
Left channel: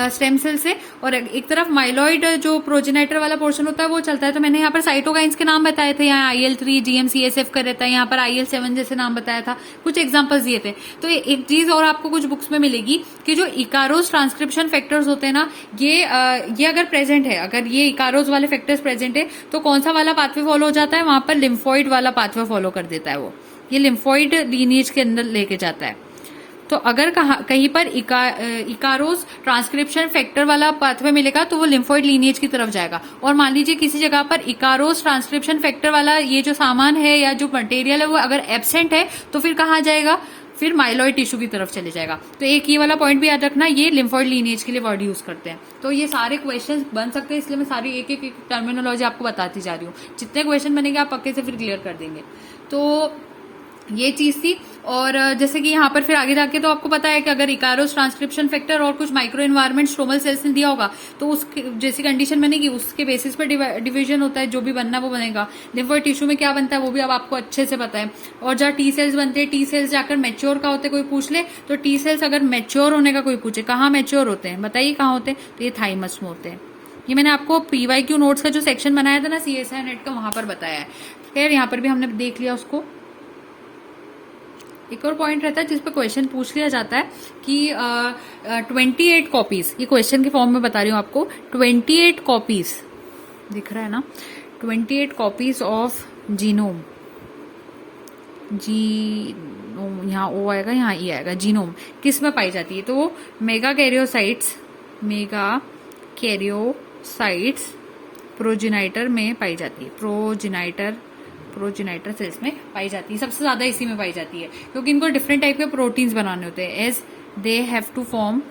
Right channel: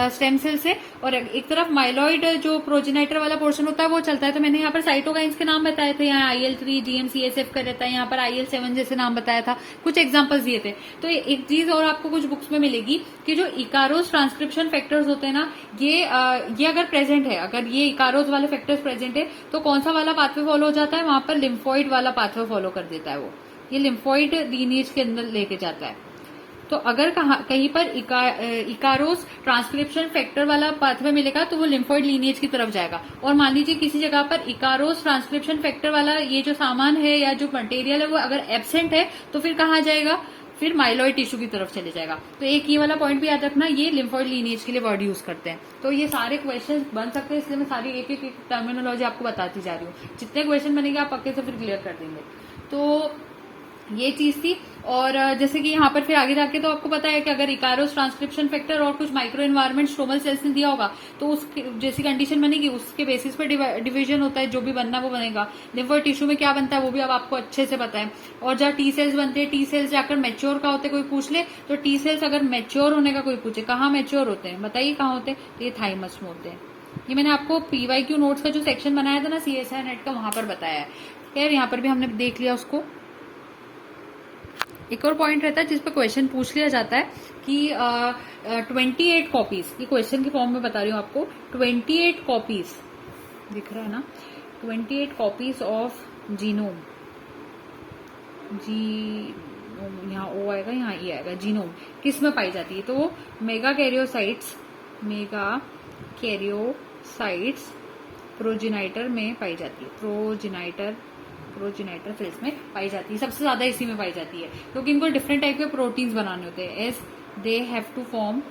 स्टेम सेल से, और एक तरफ माइलॉइड जो प्रोजेनाइटर वाला पोर्शन होता है वो चलता है। तो मैंने यहाँ पर साइटोकाइंस के नाम बताए थे, यहाँ IL3 GM-CSF का रहता है, यहाँ पर IL7 जैसे नाम बताया था, कुछ एग्जांपल्स दिए थे। तो एक चीज और आपको कुछ बुक्स में मिलेगी कि जो इकारोस ट्रांसक्रिप्शन फैक्टर्स होते हैं ना, ये अगर प्रेजेंट है, अगर ये इकारोस वाले फैक्टर्स प्रेजेंट है तो कौन सा वाला पाथवे फॉलो हो जाता है, वहां पर लिम्फोइड वाला पाथवे फॉलो कर देता है। वो ये लिम्फोइड लीनिएज के अंदर लेके जाता है। तो अगर कहीं पर इकारोस ट्रांसक्रिप्शन फैक्टर वाला पाथवे मिलेगा तो वो लिम्फोइड लीनिएज की तरफ जाएगा। और मान लीजिए किसी जगह पर इकारोस ट्रांसक्रिप्शन फैक्टर वाला ये जो सामान है या जो मटेरियल है वो अगर एब्सेंट है तो फिर कहाँ जाएगा, फिर माइलॉइड टिश्यू की तरफ चले जाएगा। तो एक ये वाला पॉइंट भी याद रखना, ये लिम्फोइड लीनिएज के लिए वर्ड यूज करते हैं। तो ये सारे क्वेश्चन बन सकते हैं, इसलिए मैं सारी एक एक टर्मिनोलॉजी आपको बताती जा रही हूँ। जितने क्वेश्चन बनेंगे आप पक्के से फिर क्लियर कर देंगे। तो ये चीज थी। और जैसे कि यहाँ पर फिर आगे जाके तो आपको पता है कि अगर इकारोस ट्रांसक्रिप्शन फैक्टर और कुछ माइक्रो एनवायरमेंट स्ट्रोमल सेल्स ने दिया होगा तो उस जैसी कंडीशन बनेगी उसके बेसिस पर डिवीजन होता है, जो भी बनना वो बनेगा। लिम्फोइड टिश्यू में क्या बनता है वो भी अब आपको अच्छे से पता है। और जहाँ T सेल्स बनते हैं, T सेल्स जाकर मैच्योर का होते, कोई पूछ ले तो T सेल्स अगर मैच्योर होने का कोई पूछे, कहाँ मैच्योर होते हैं बताइए, कहाँ होते हैं, तो ये थाइमस में होते हैं। ये मैंने आपको PYQ नोट्स का जो सेक्शन बनाया था ना CSI नेट का, वहां पर बताया है। खैर यहाँ पर भी हमने देख लिया उसको। एक और पॉइंट रहता है जिस पर क्वेश्चन पूछ लिया जाता है कि 28 कॉपीज, ये क्वेश्चन के फॉर्म में बता रही हूँ आपको, 28 कॉपीज दिख रहा है ना, 28 कॉपीज ऑफ जीनोम, यहाँ O आएगा, यहाँ E आएगा, जीनोम किस में पाई जाती है, तो मेगा कैरियोसाइट्स प्रोजेनाइटर में पाई जाती है, प्रोजेनाइटर सेल्स में पाई जाती है, सबसे ज्यादा इसी में पाई जाती है, क्योंकि इनको डिफरेंट टाइप के प्रोटीन्स बनाने होते हैं, as they have to form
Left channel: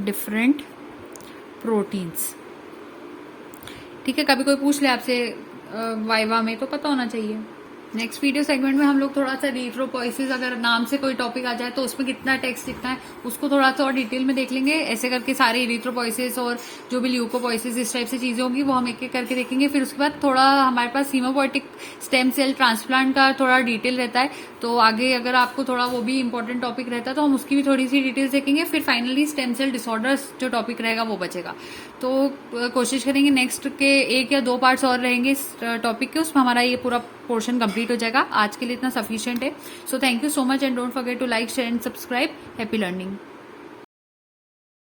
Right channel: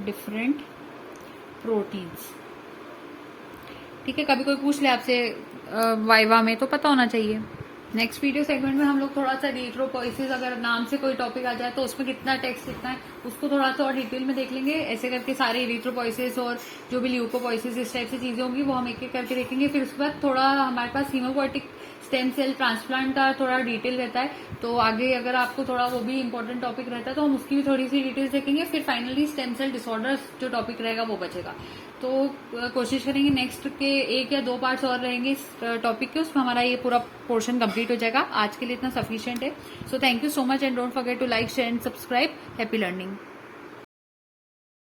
different proteins. ठीक है, कभी कोई पूछ ले आपसे वाइवा में तो पता होना चाहिए। नेक्स्ट वीडियो सेगमेंट में हम लोग थोड़ा सा इरिथ्रोपोइसिस, अगर नाम से कोई टॉपिक आ जाए तो उसमें कितना टेक्स्ट लिखना है उसको थोड़ा सा और डिटेल में देख लेंगे। ऐसे करके सारे इरिथ्रोपोइसिस और जो भी ल्यूकोपोइसिस इस टाइप से चीजें होंगी वो हम एक एक करके देखेंगे। फिर उसके बाद थोड़ा हमारे पास हीमोपोइटिक स्टेम सेल ट्रांसप्लांट का थोड़ा डिटेल रहता है, तो आगे अगर आपको थोड़ा वो भी इंपॉर्टेंट टॉपिक रहता है तो हम उसकी भी थोड़ी सी डिटेल्स देखेंगे। फिर फाइनली स्टेम सेल डिसऑर्डर्स जो टॉपिक रहेगा वो बचेगा। तो कोशिश करेंगे नेक्स्ट के 1 या 2 पार्ट्स और रहेंगे इस टॉपिक के, उसमें हमारा ये पूरा पोर्शन कंप्लीट हो जाएगा। आज के लिए इतना सफिशिएंट है। So thank you so much and don't forget to like share and subscribe. Happy learning.